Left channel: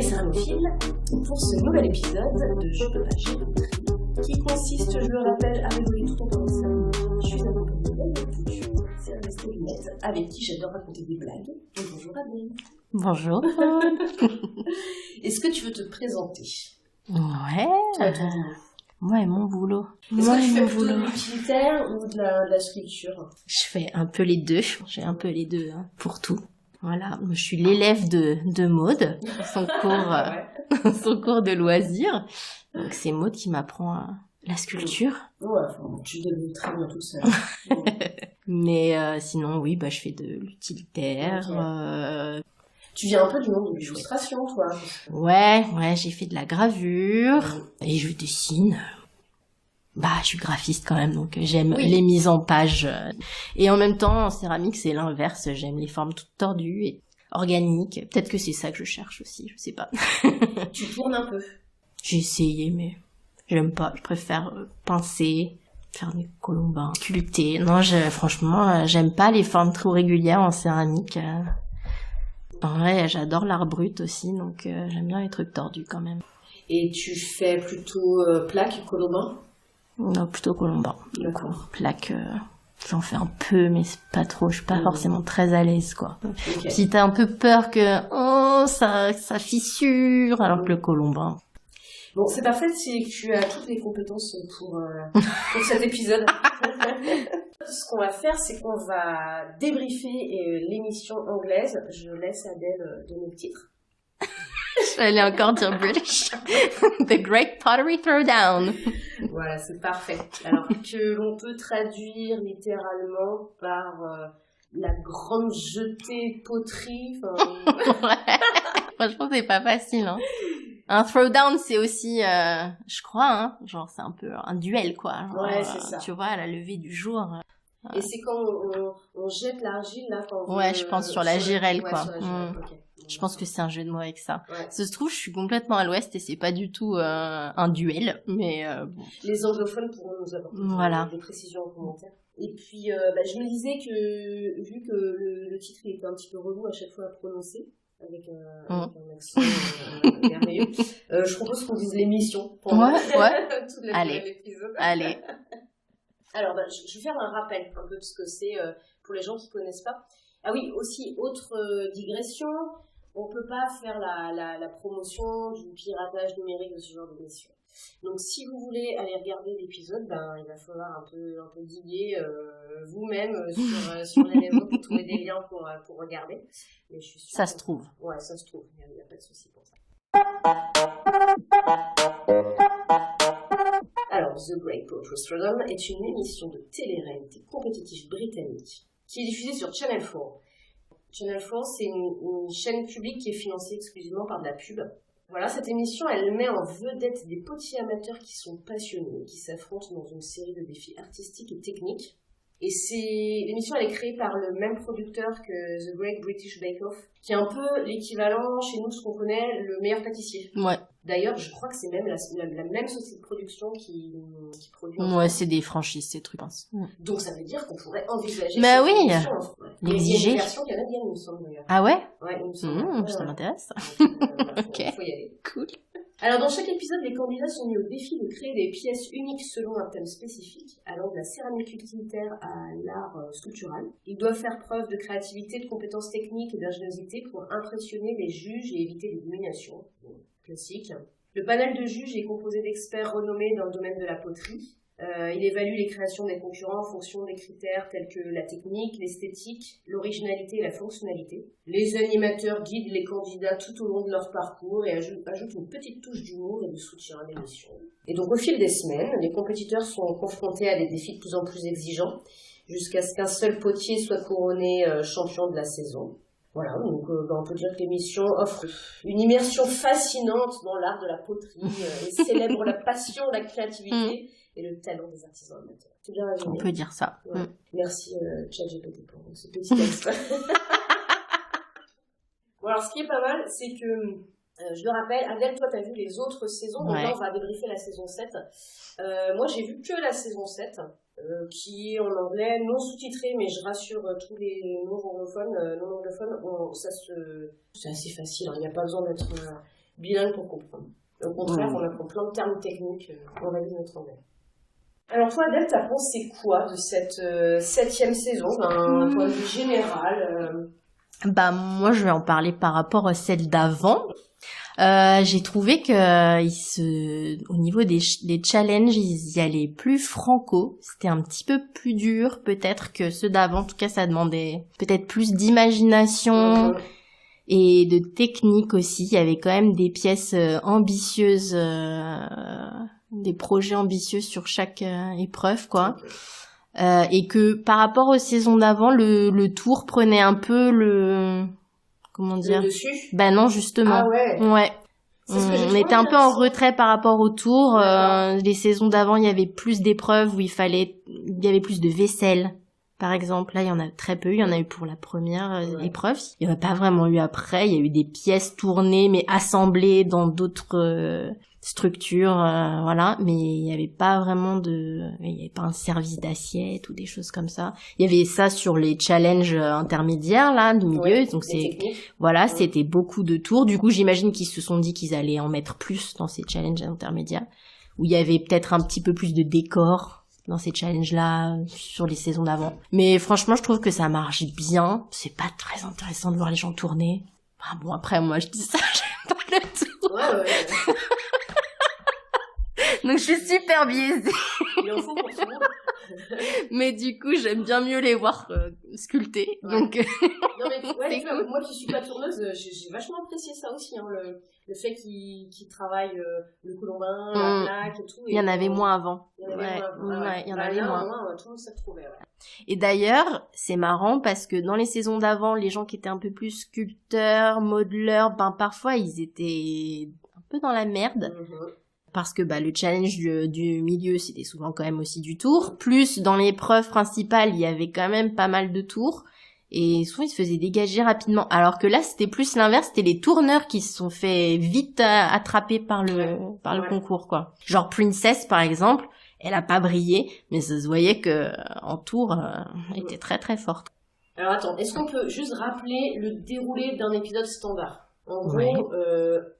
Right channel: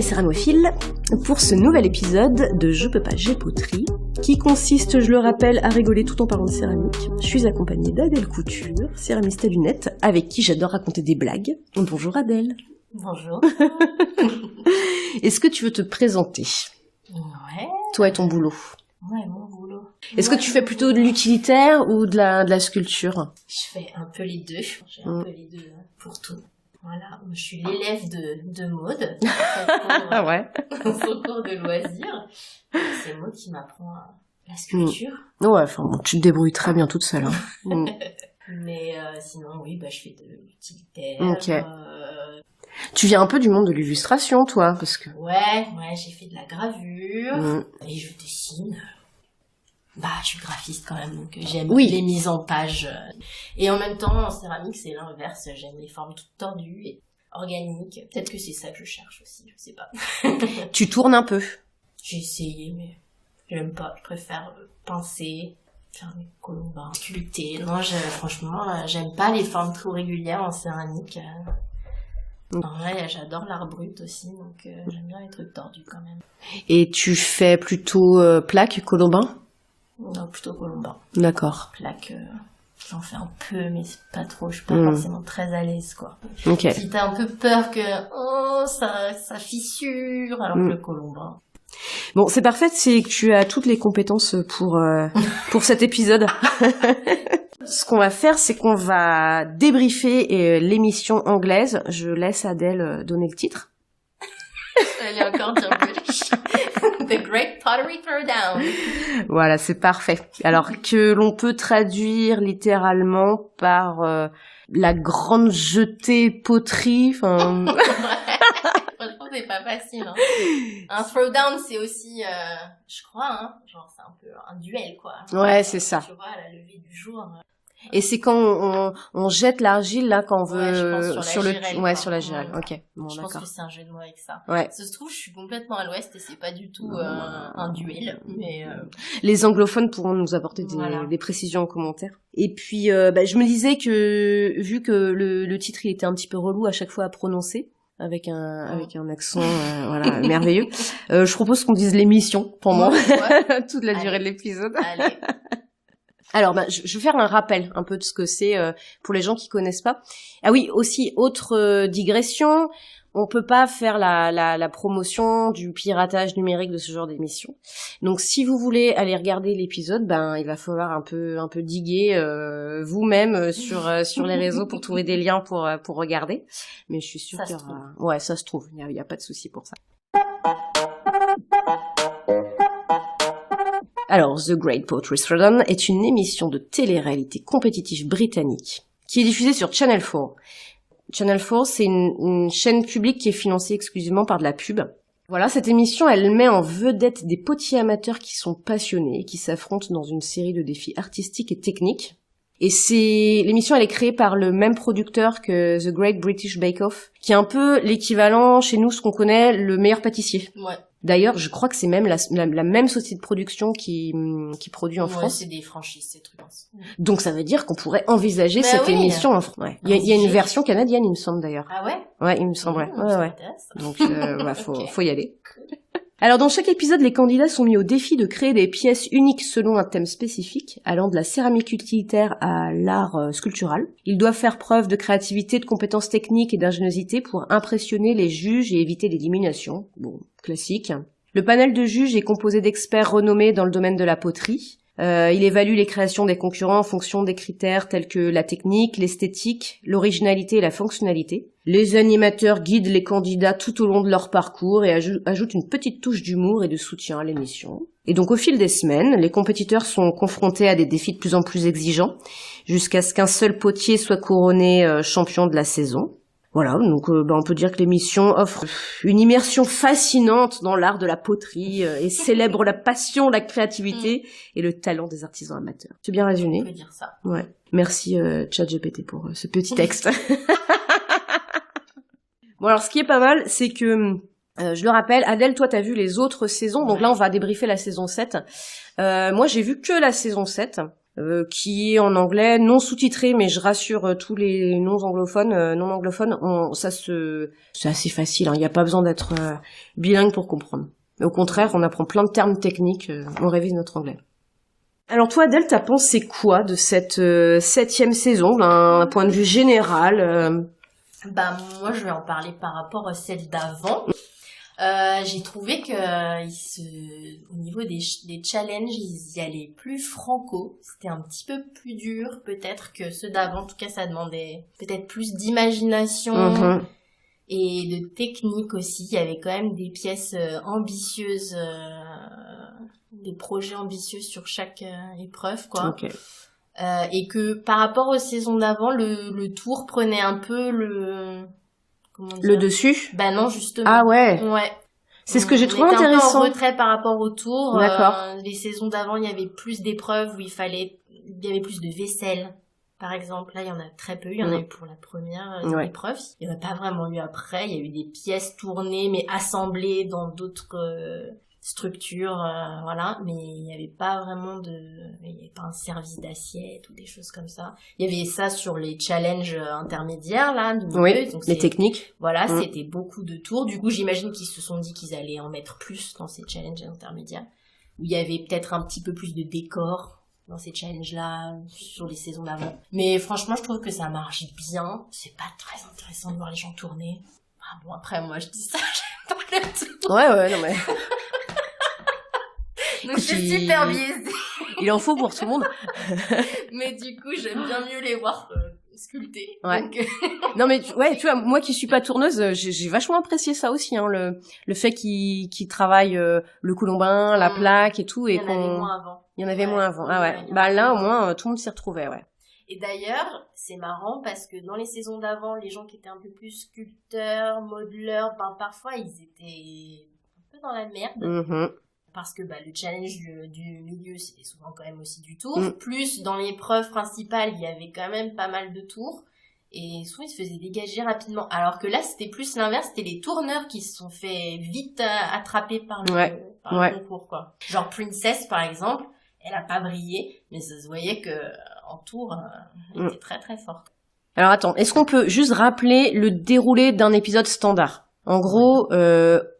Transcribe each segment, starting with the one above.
les céramophiles pour ce nouvel épisode de Je peux pas, j'ai poterie, qui consiste, je le rappelle, à rigoler tout en parlant de céramique. Je suis accompagnée d'Adèle Couture, céramiste à lunettes, avec qui j'adore raconter des blagues. Bonjour Adèle. Bonjour. Est-ce que tu veux te présenter? Ouais. Toi et ton boulot. Ouais, mon boulot. Est-ce que tu fais plutôt de l'utilitaire ou de la sculpture? Je fais un peu les deux. J'ai un peu les deux pour tout. Voilà, je suis l'élève de Maud, son cours de loisirs. Donc, c'est Maud qui m'apprend la sculpture. Ouais, enfin bon, tu te débrouilles très bien toute seule. Mais sinon, oui, je fais de l'utilitaire. Okay. Tu viens un peu du monde de l'illustration, toi, parce que... Ouais, j'ai fait de la gravure et je dessine. Je suis graphiste quand même, donc j'aime les mises en page. Et en même temps, en céramique, c'est l'inverse. J'aime les formes toutes tordues et organiques. Peut-être que c'est ça que je cherche aussi, je sais pas. Tu tournes un peu? J'ai essayé, mais j'aime pas. Je préfère pincer, faire des colombins, sculpter. Non, franchement, j'aime pas les formes trop régulières en céramique. En vrai, j'adore l'art brut aussi, donc j'aime bien les trucs tordus quand même. Et tu fais plutôt plaque, colombin? Non, plutôt colombin. D'accord. Plaque, j'en fais un peu, mais c'est pas trop. Je suis pas forcément très à l'aise, quoi. Okay. Si t'as un peu peur que ça fissure, alors que le colombin. Bon, c'est parfait, c'est que tu as toutes les compétences pour cet épisode. Ce qu'on va faire, c'est qu'on va débriefer l'émission anglaise. Je laisse Adèle donner le titre. Elle est encore dire British. The Great Pottery Throwdown. Voilà, c'est parfait. Alors que l'on peut traduire littéralement par la grande jetée poterie. Enfin. Franchement, c'est pas facile. Hein. Un throwdown, c'est aussi, je crois, genre c'est un peu un duel, quoi. Genre, ouais, c'est ça. Tu vois, à la levée du jour. Et c'est quand on jette l'argile, là, quand on veut... Ouais, je pense sur la girelle, Ouais, quoi. sur la girelle, ok. Bon, je pense que c'est un jeu de mots avec ça. Ouais. Ça se trouve, je suis complètement à l'ouest et c'est pas du tout un duel, mais... Les anglophones pourront nous apporter des précisions en commentaire. Et puis, je me disais que, vu que le titre, il était un petit peu relou à chaque fois à prononcer, avec un accent merveilleux, je propose qu'on dise l'émission, pour moi, toute la durée de l'épisode. Allez. Alors, je vais faire un rappel un peu de ce que c'est pour les gens qui connaissent pas. Ah oui, aussi, autre digression, on peut pas faire la promotion du piratage numérique de ce genre d'émission. Donc, si vous voulez aller regarder l'épisode, il va falloir un peu diguer vous-même sur les réseaux pour trouver des liens pour regarder. Mais je suis sûre ça se trouve. Ouais, ça se trouve. Il y a pas de souci pour ça. Alors, The Great Pottery Throwdown est une émission de télé-réalité compétitive britannique qui est diffusée sur Channel 4. Channel 4, c'est une chaîne publique qui est financée exclusivement par de la pub. Voilà, cette émission, elle met en vedette des potiers amateurs qui sont passionnés et qui s'affrontent dans une série de défis artistiques et techniques. Et l'émission, elle est créée par le même producteur que The Great British Bake Off, qui est un peu l'équivalent chez nous, ce qu'on connaît, le meilleur pâtissier. Ouais. D'ailleurs, je crois que c'est même la même société de production qui produit en France. Ouais, c'est des franchises, ces trucs. Donc ça veut dire qu'on pourrait envisager cette émission en France. Ouais. Il y a une version canadienne, il me semble d'ailleurs. Ah ouais? Ouais, il me semble. Ça m'intéresse. Donc faut y aller. Cool. Alors dans chaque épisode, les candidats sont mis au défi de créer des pièces uniques selon un thème spécifique, allant de la céramique utilitaire à l'art sculptural. Ils doivent faire preuve de créativité, de compétences techniques et d'ingéniosité pour impressionner les juges et éviter l'élimination. Bon, classique. Le panel de juges est composé d'experts renommés dans le domaine de la poterie. Il évalue les créations des concurrents en fonction des critères tels que la technique, l'esthétique, l'originalité et la fonctionnalité. Les animateurs guident les candidats tout au long de leur parcours et ajoutent une petite touche d'humour et de soutien à l'émission. Et donc au fil des semaines, les compétiteurs sont confrontés à des défis de plus en plus exigeants, jusqu'à ce qu'un seul potier soit couronné champion de la saison. Voilà, donc on peut dire que l'émission offre une immersion fascinante dans l'art de la poterie et célèbre la passion, la créativité et le talent des artisans amateurs. C'est bien résumé. On peut dire ça. Ouais. Merci ChatGPT pour ce petit texte. Bon alors ce qui est pas mal, c'est que je le rappelle, Adèle, toi t'as vu les autres saisons, donc là on va débriefer la saison 7. Moi j'ai vu que la saison 7. qui est en anglais, non sous-titré, mais je rassure tous les non anglophones, c'est assez facile, hein, il n'y a pas besoin d'être bilingue pour comprendre. Au contraire, on apprend plein de termes techniques, on révise notre anglais. Alors toi, Adèle, t'as pensé quoi de cette 7e saison, d'un point de vue général Moi, je vais en parler par rapport à celle d'avant. J'ai trouvé que au niveau des challenges, ils y allaient plus franco. C'était un petit peu plus dur, peut-être, que ceux d'avant. En tout cas, ça demandait peut-être plus d'imagination et de technique aussi. Il y avait quand même des pièces ambitieuses, des projets ambitieux sur chaque épreuve, quoi. Okay. Et que par rapport aux saisons d'avant, le tour prenait un peu comment dire, le dessus. Non, justement. Ah ouais. C'est ce que j'ai trouvé intéressant. On était un peu en retrait par rapport au tour. Les saisons d'avant, il y avait plus d'épreuves où il y avait plus de vaisselle, par exemple. Là, il y en a très peu. Il y en a eu pour la première épreuve. Il n'y en a pas vraiment eu après. Il y a eu des pièces tournées, mais assemblées dans d'autres structures, voilà. Mais il n'y avait pas vraiment il n'y avait pas un service d'assiette ou des choses comme ça. Il y avait ça sur les challenges intermédiaires, là, du milieu. Donc les techniques. Voilà, c'était beaucoup de tours. Du coup, j'imagine qu'ils se sont dit qu'ils allaient en mettre plus dans ces challenges intermédiaires, où il y avait peut-être un petit peu plus de décor dans ces challenges-là, sur les saisons d'avant. Mais franchement, je trouve que ça marche bien. C'est pas très intéressant de voir les gens tourner. Bon, après, moi, je dis ça, j'aime pas le tour. Ouais. Donc, je suis super biaisée. Il en faut pour tout le monde. Mais du coup, j'aime bien mieux les voir sculptés. Ouais. Donc... Non, mais tu vois, moi qui suis pas tourneuse, j'ai vachement apprécié ça aussi, hein, le fait qu'ils travaillent le colombin, la plaque et tout. Il y en avait moins avant. Il y en avait moins avant. Ah ouais. Là, au moins, tout le monde s'y retrouvait, ouais. Et d'ailleurs, c'est marrant parce que dans les saisons d'avant, les gens qui étaient un peu plus sculpteurs, modeleurs, parfois, ils étaient un peu dans la merde. Parce que le challenge du milieu, c'était souvent quand même aussi du tour. Plus dans l'épreuve principale, il y avait quand même pas mal de tours. Et souvent, ils se faisaient dégager rapidement. Alors que là, c'était plus l'inverse. C'était les tourneurs qui se sont fait vite attraper par le concours, quoi. Genre Princess, par exemple, elle a pas brillé, mais ça se voyait que en tour, elle était très très forte. Alors attends, est-ce qu'on peut juste rappeler le déroulé d'un épisode standard ? En gros,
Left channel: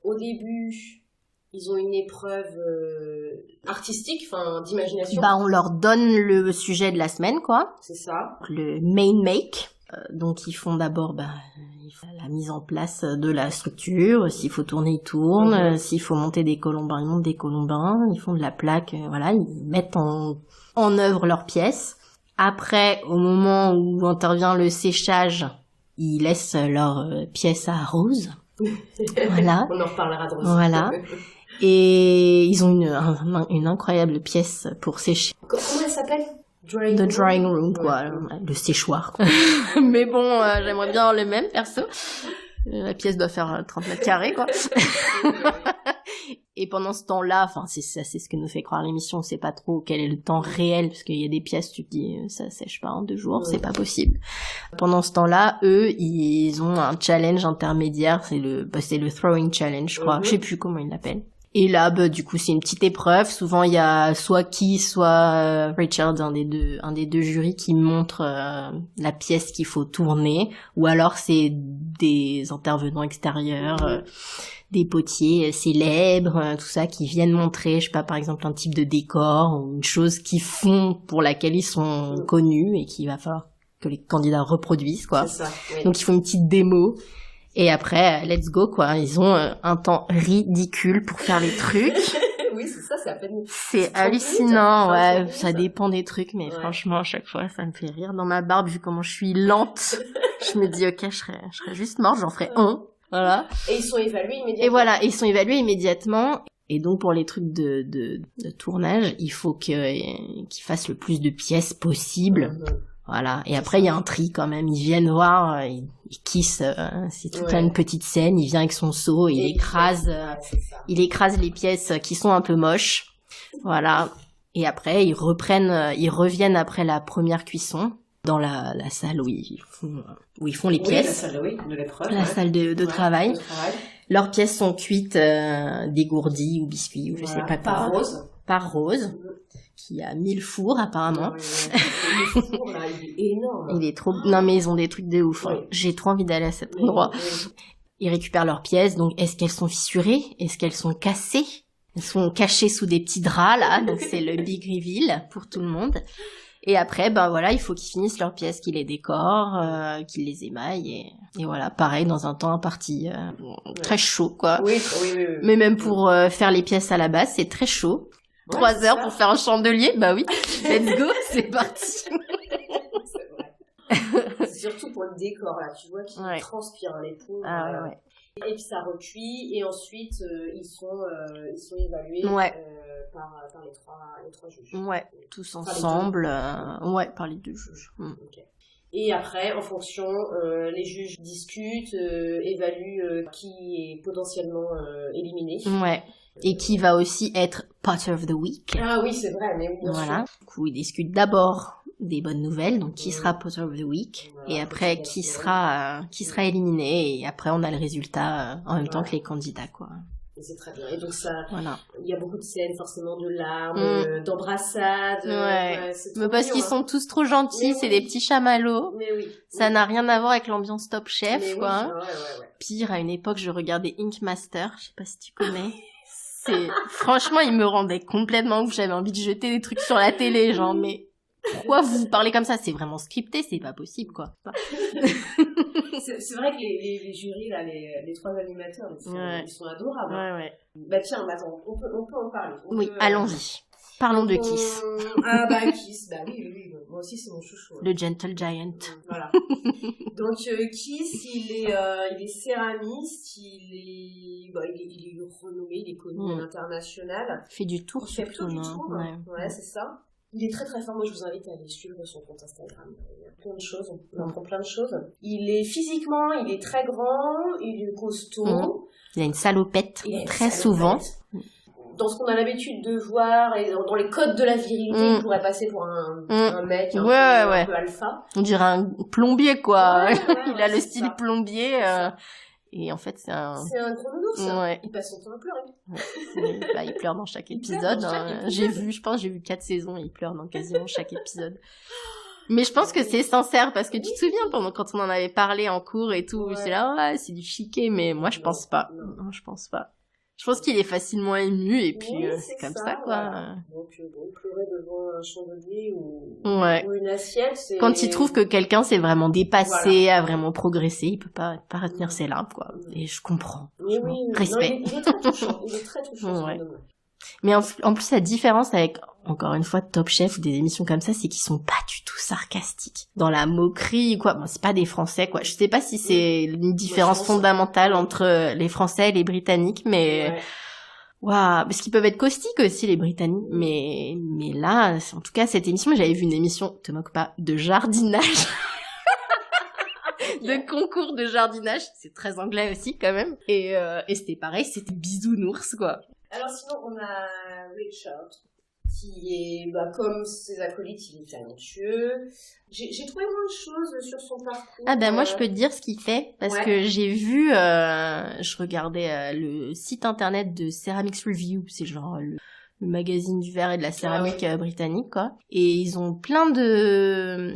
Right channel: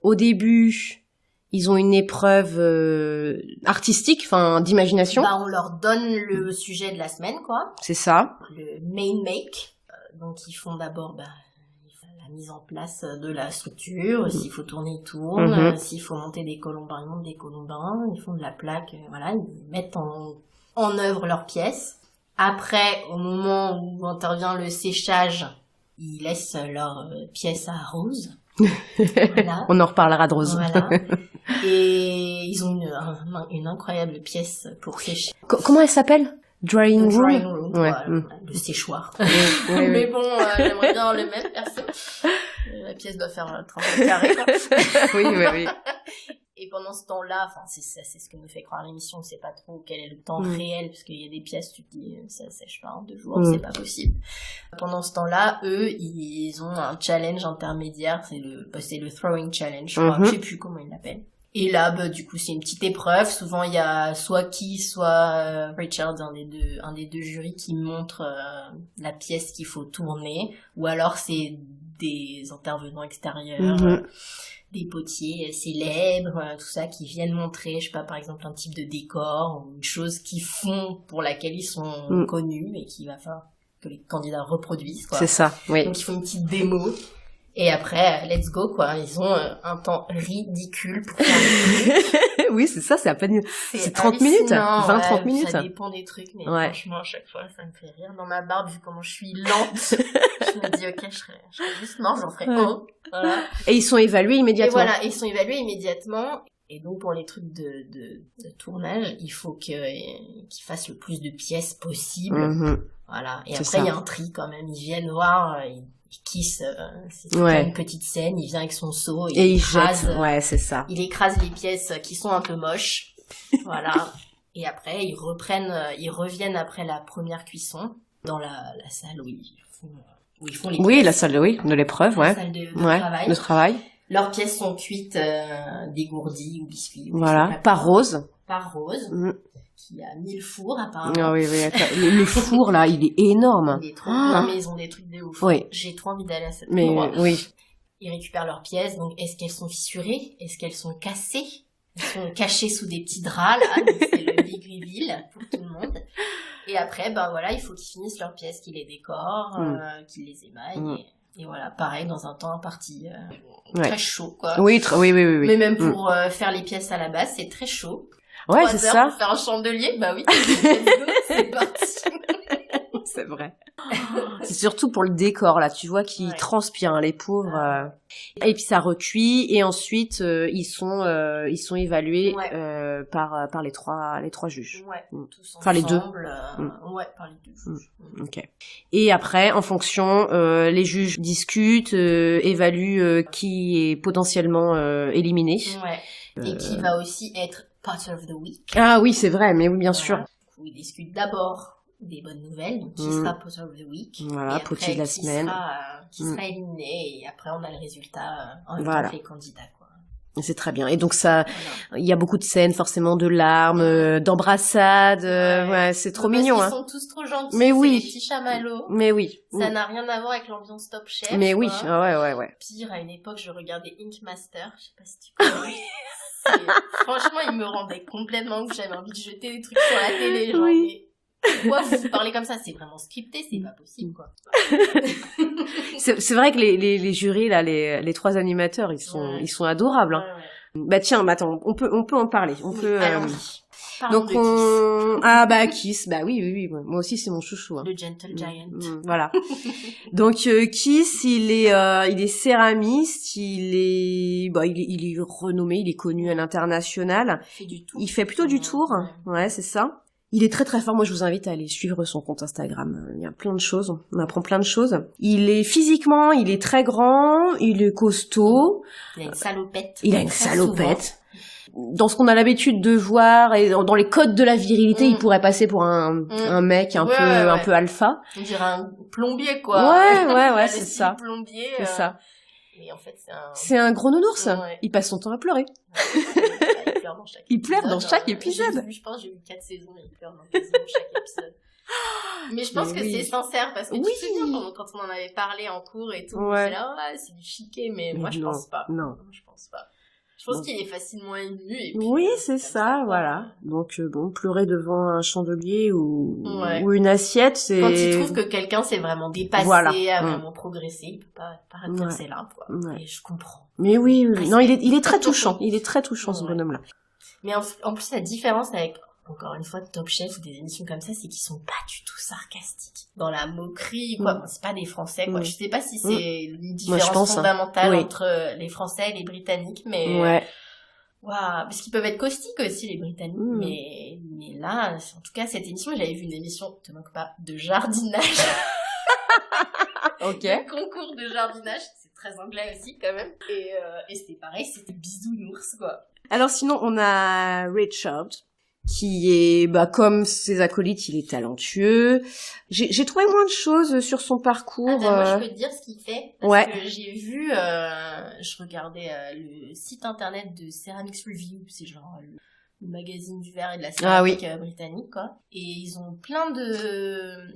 au début... Ils ont une épreuve artistique, d'imagination. On leur donne le sujet de la semaine, quoi. C'est ça. Le main make. Donc, ils font d'abord la mise en place de la structure. S'il faut tourner, ils tournent. S'il faut monter des colombins, ils montent des colombins. Ils font de la plaque. Voilà, ils mettent en œuvre leurs pièces. Après, au moment où intervient le séchage, ils laissent leurs pièces à Rose. Voilà. On en reparlera de Rose. Voilà. Et ils ont une incroyable pièce pour sécher. Comment elle s'appelle ? The drawing room. Voilà. Le séchoir. Mais bon, j'aimerais bien le même, perso. La pièce doit faire 30 mètres carrés, quoi. Oui. Et pendant ce temps-là, c'est ce que nous fait croire l'émission, on sait pas trop quel est le temps réel, parce qu'il y a des pièces, tu te dis, ça sèche pas en 2 jours, c'est pas possible. Pendant ce temps-là, eux, ils ont un challenge intermédiaire, c'est le throwing challenge, je crois, je sais plus comment ils l'appellent. Et là, du coup, c'est une petite épreuve. Souvent, il y a soit Richard, un des deux jurys, qui montre la pièce qu'il faut tourner, ou alors c'est des intervenants extérieurs, des potiers célèbres, tout ça, qui viennent montrer, je sais pas, par exemple, un type de décor, ou une chose qu'ils font pour laquelle ils sont connus, et qu'il va falloir que les candidats reproduisent, quoi. C'est ça, oui. Donc, ils font une petite démo. Et après, let's go, quoi. Ils ont un temps ridicule pour faire les trucs. Oui, c'est ça, c'est à peine... C'est 30 minutes, 20-30 minutes. Ça dépend des trucs, mais franchement, à chaque fois, ça me fait rire. Dans ma barbe, vu comment je suis lente, je me dis, ok, je serais juste morte, j'en ferais un. Voilà. Et ils sont évalués immédiatement. Et voilà, ils sont évalués immédiatement. Et donc, pour les trucs de tournage, il faut qu'ils fassent le plus de pièces possible. Voilà. Et après, il y a un tri quand même. Ils viennent voir, ils kissent, c'est tout une petite scène. Il vient avec son seau et il écrase. C'est ça. Il écrase les pièces qui sont un peu moches. Voilà. Et après, ils reviennent après la première cuisson dans la salle où ils font les pièces. Oui, la salle de l'épreuve, la salle de travail. De travail. Leurs pièces sont cuites, dégourdies ou biscuits. Ou voilà. je sais pas rose. par Rose, qui a 1000 fours apparemment. Ah oui, le four là, il est énorme. Il est trop... Non mais ils ont des trucs de ouf. Oui. J'ai trop envie d'aller à cet endroit. Oui. Ils récupèrent leurs pièces, donc est-ce qu'elles sont fissurées? Est-ce qu'elles sont cassées? Elles sont cachées sous des petits draps là, donc c'est le big reveal pour tout le monde. Et après, voilà, il faut qu'ils finissent leurs pièces, qu'ils les décorent, qu'ils les émaillent. Et voilà, pareil, dans un temps imparti, très chaud, quoi. Oui. Mais même pour faire les pièces à la base, c'est très chaud. 3 heures pour faire un chandelier, bah oui, let's go, c'est parti. C'est vrai. C'est surtout pour le décor, là, tu vois, qui transpirent, hein, les pauvres. Et puis ça recuit, et ensuite, ils sont évalués par les trois juges. Ouais, tous enfin, ensemble. Les deux. Ouais, par les 2 juges. Ok. Et après, en fonction, les juges discutent, évaluent qui est potentiellement éliminé. Ouais. Et qui va aussi être Potter of the Week. Ah oui, c'est vrai, mais oui, bien sûr. Du coup, ils discutent d'abord des bonnes nouvelles, donc qui sera Potter of the Week, et après qui sera éliminé, et après on a le résultat en même temps que les candidats, quoi. C'est très bien. Et donc ça, il y a beaucoup de scènes, forcément, de larmes, d'embrassades. C'est trop mignon. Parce qu'ils sont tous trop gentils. Mais c'est les petits chamallows. Mais oui. Ça n'a rien à voir avec l'ambiance Top Chef. Mais oui. Ouais. Pire, à une époque, je regardais Ink Master. Je sais pas si tu connais. Franchement, il me rendait complètement ouf. J'avais envie de jeter des trucs sur la télé, genre, mais pourquoi vous parlez comme ça? C'est vraiment scripté, c'est pas possible, quoi. C'est vrai que les jurys, là, les 3 animateurs, ils sont adorables. Hein. Bah tiens, attends, on peut en parler. Allons-y. Parlons de Kiss. Ah bah Kiss, bah oui. Moi aussi, c'est mon chouchou. Hein. Le Gentle Giant. Voilà. Donc Kiss, il est céramiste, il est renommé, il est connu à l'international. Il fait plutôt du tour. Ouais, c'est ça. Il est très très fort. Moi, je vous invite à aller suivre son compte Instagram. Il y a plein de choses. On apprend plein de choses. Il est physiquement, il est très grand, il est costaud. Il a une salopette. Souvent. Dans ce qu'on a l'habitude de voir et dans les codes de la virilité, il pourrait passer pour un mec un peu alpha. On dirait un plombier, quoi. Ouais, il a le c'est style ça. plombier. C'est ça. Et en fait, c'est un gros nounours. Il passe son temps à pleurer. Il pleure dans chaque épisode. J'ai vu 4 saisons et il pleure dans quasiment chaque épisode. Mais je pense que c'est sincère parce que tu te souviens quand on en avait parlé en cours et tout, c'est là, c'est du chiquet, mais moi je pense pas. Non, je pense pas. Je pense qu'il est facilement ému et puis c'est ça, voilà. Donc pleurer devant un chandelier ou une assiette, c'est quand il trouve que quelqu'un s'est vraiment dépassé, a vraiment progressé, il peut pas retenir ses larmes, quoi. Et je comprends. Mais oui. Non, il est très touchant. Il est très touchant, ce bonhomme-là. Mais en plus, la différence avec, encore une fois, Top Chef ou des émissions comme ça, c'est qu'ils sont pas du tout sarcastiques. Dans la moquerie, quoi. Bon, c'est pas des Français, quoi. Je sais pas si c'est une différence fondamentale entre les Français et les Britanniques, mais... Waouh, parce qu'ils peuvent être caustiques aussi, les Britanniques. Mais là, en tout cas, cette émission, j'avais vu une émission, te moque pas, de jardinage. De concours de jardinage. C'est très anglais aussi, quand même. Et c'était pareil, c'était bisounours, quoi. Alors sinon, on a Richard, qui est, comme ses acolytes, il est talentueux. J'ai trouvé moins de choses sur son parcours. Ah moi je peux te dire ce qu'il fait, parce que j'ai vu, je regardais le site internet de Ceramics Review, c'est genre le magazine du verre et de la céramique britannique, quoi. Et ils ont plein de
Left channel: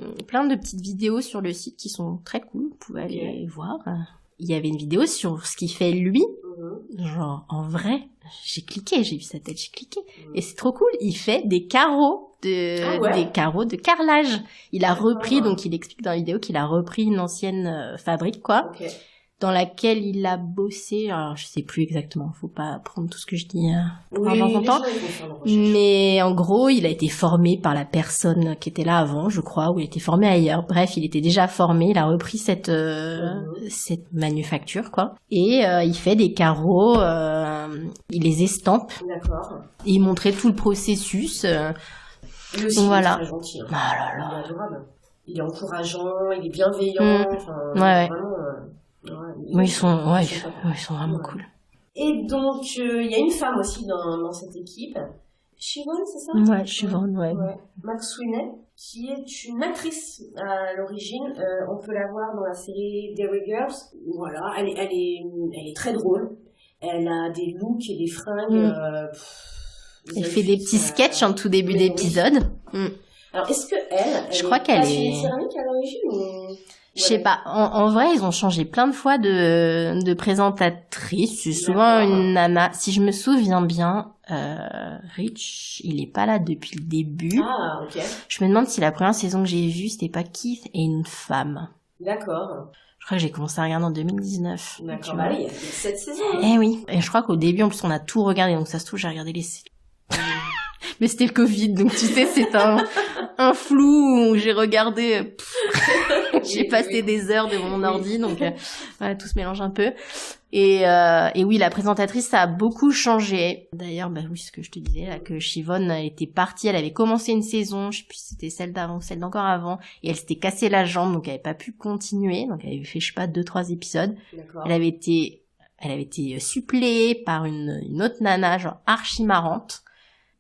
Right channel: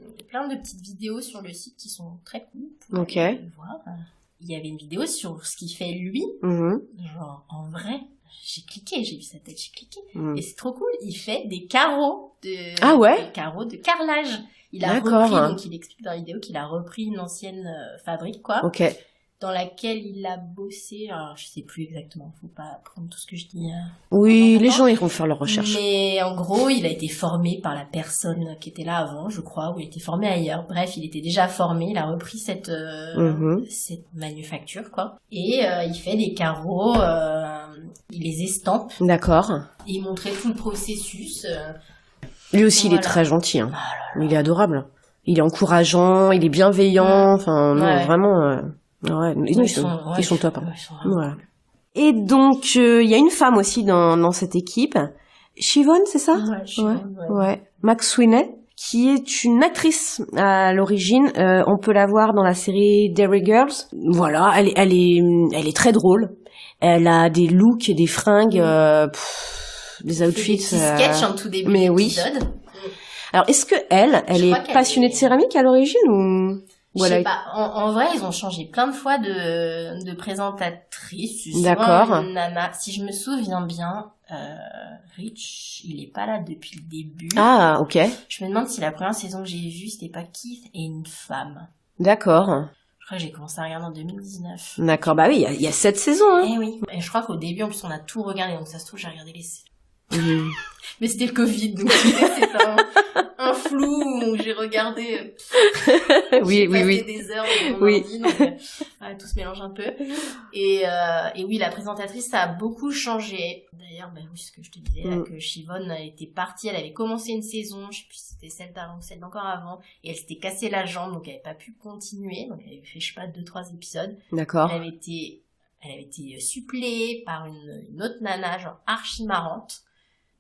petites vidéos sur le site qui sont très cool, vous pouvez aller voir. Il y avait une vidéo sur ce qu'il fait lui, genre en vrai. J'ai vu sa tête, j'ai cliqué. Et c'est trop cool, il fait des carreaux des carreaux de carrelage. Il a repris, donc il explique dans la vidéo qu'il a repris une ancienne fabrique, quoi. Dans laquelle il a bossé, alors je sais plus exactement, faut pas prendre tout ce que je dis. Oui, les gens ils vont faire leur recherche. Mais en gros, il a été formé par la personne qui était là avant, je crois, ou il a été formé ailleurs. Bref, il était déjà formé, il a repris cette manufacture, quoi. Et il fait des carreaux, il les estampe. D'accord. Et il montrait tout le processus. Lui aussi, il est très gentil. Hein. Il est adorable. Il est encourageant, il est bienveillant. Enfin, vraiment. Ils sont top. Ils sont vraiment cool. Et donc, il y a une femme aussi dans cette équipe. Siobhan, c'est ça? Ouais, Siobhan, ouais. McSweeney, qui est une actrice à l'origine. On peut la voir dans la série Derry Girls. Voilà, elle est très drôle. Elle a des looks et des fringues des outfits. Fait des petits sketchs en tout début d'épisode. Oui. Alors, est-ce que elle est passionnée de céramique à l'origine ou... Je sais pas. En vrai, ils ont changé plein de fois de présentatrice. C'est souvent une nana. Si je me souviens bien, Rich, il est pas là depuis le début. Ah, ok. Je me demande si la première saison que j'ai vue, c'était pas Keith et une femme. D'accord. Je crois que j'ai commencé à regarder en 2019. D'accord. Bah oui, il y a 7 saisons. Hein. Eh oui. Et je crois qu'au début, en plus, on a tout regardé. Donc ça se trouve, j'ai regardé les... Mais c'était le Covid, donc tu sais, c'est un flou où j'ai regardé. J'ai passé des heures devant mon ordi, donc tout se mélange un peu. Et oui, la présentatrice, ça a beaucoup changé. D'ailleurs, bah oui, ce que je te disais, là, que Siobhan était partie, elle avait commencé une saison, je sais plus si c'était celle d'avant ou celle d'encore avant, et elle s'était cassé la jambe, donc elle avait pas pu continuer, donc elle avait fait, je sais pas, 2-3 épisodes. D'accord. Elle avait été suppléée par une autre nana, genre archi marrante.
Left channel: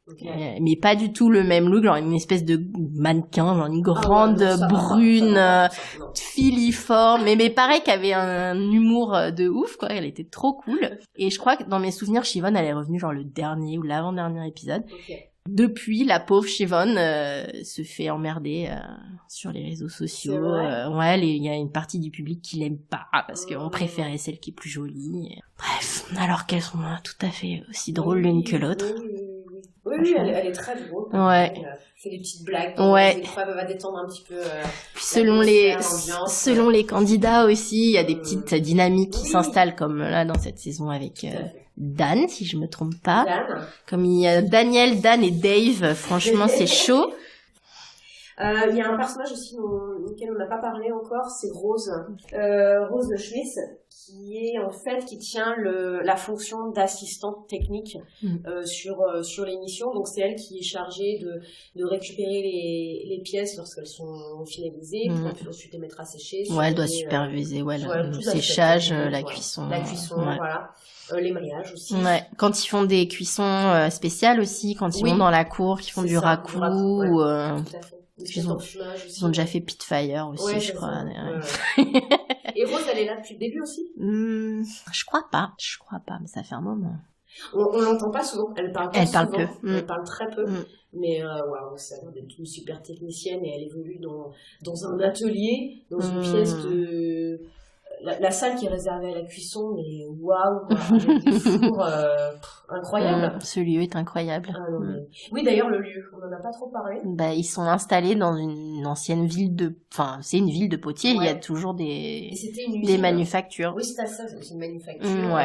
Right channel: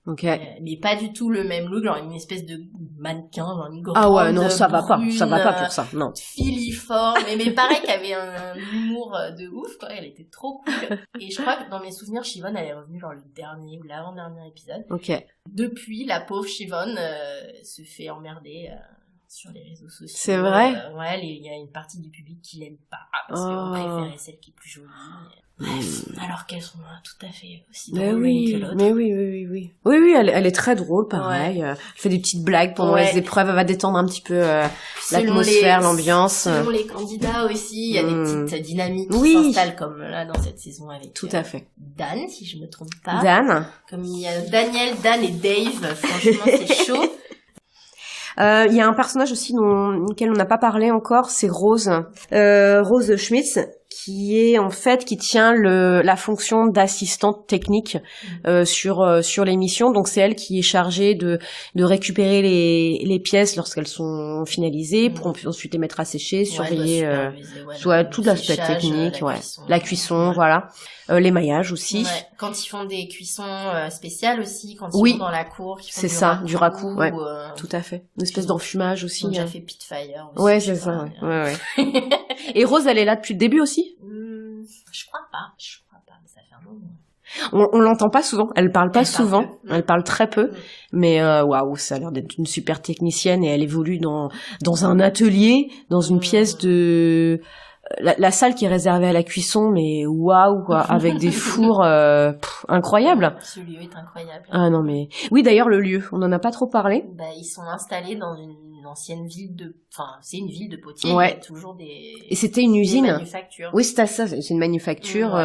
Okay. Mais pas du tout le même look, genre une espèce de mannequin, genre une grande brune, ça va pas pour ça, non. Filiforme, mais pareil qu'elle avait un humour de ouf, quoi, elle était trop cool. Et je crois que dans mes souvenirs, Siobhan, elle est revenue genre le dernier ou l'avant-dernier épisode. Ok. Depuis, la pauvre Siobhan se fait emmerder sur les réseaux sociaux. C'est vrai. Ouais, il y a une partie du public qui l'aime pas parce qu'on préférait celle qui est plus jolie. Bref, alors qu'elles sont tout à fait aussi drôles l'une que l'autre. Oui, elle est très drôle, pareil. Elle fait des petites blagues pendant les épreuves, elle va détendre un petit peu l'atmosphère, l'ambiance. Selon les candidats aussi, il y a des petites dynamiques qui s'installent comme là dans cette saison avec tout à fait. Dan, si je me trompe pas. Dan. Comme il y a Daniel, Dan et Dave, franchement c'est chaud. Il y a un personnage aussi duquel on n'a pas parlé encore, c'est Rose. Rose Schmitz, qui tient la fonction d'assistante technique sur l'émission. Donc c'est elle qui est chargée de récupérer les pièces lorsqu'elles sont finalisées pour ensuite les mettre à sécher, elle doit superviser tout l'aspect technique, la cuisson, voilà. L'émaillage aussi. Ouais. Quand ils font des cuissons spéciales aussi, quand ils vont dans la cour, qu'ils font du raku. Ouais. Tout à fait. Une espèce d'enfumage aussi. Ils ont déjà fait Pitfire aussi. Ouais, c'est ça. Ouais. Et Rose, elle est là depuis le début aussi? Je crois pas, mais ça fait un moment. On l'entend pas souvent, elle parle pas souvent, elle parle très peu, mais waouh, ça a l'air d'être une super technicienne et elle évolue dans un atelier, dans une pièce de... La salle qui est réservée à la cuisson, mais waouh, quoi, avec des fours incroyables. Ce lieu est incroyable. Ah non, mais... Oui, d'ailleurs, le lieu, on en a pas trop parlé. Bah, ils sont installés dans une ancienne ville Enfin, c'est une ville de potiers, il y a toujours des... Et c'était une usine. Des manufactures. Oui, c'est ça, c'est une manufacture...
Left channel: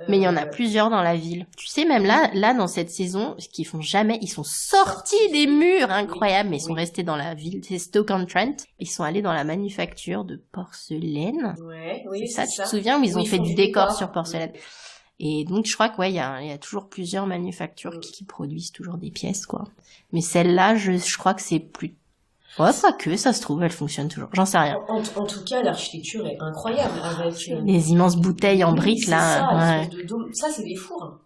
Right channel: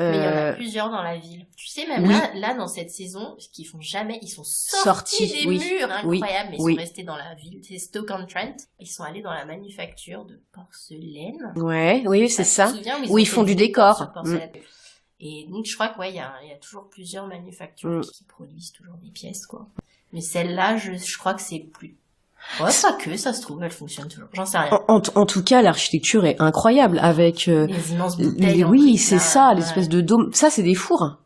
Mais il y en a plusieurs dans la ville. Tu sais, même là, dans cette saison, ce qu'ils font jamais, ils sont sortis des murs, incroyable, mais ils sont restés dans la ville. C'est Stoke-on-Trent. Ils sont allés dans la manufacture de porcelaine. Oui, c'est ça. Tu te souviens où ils ont fait du décor sur porcelaine. Et donc, je crois qu'il y a toujours plusieurs manufactures qui produisent toujours des pièces, quoi. Mais celle-là, je crois que c'est plus... Ouais, pas que, ça se trouve, elle fonctionne toujours. J'en sais rien. En tout cas, l'architecture est incroyable avec... les immenses bouteilles en briques, c'est ça, l'espèce de dôme. Ça, c'est des fours.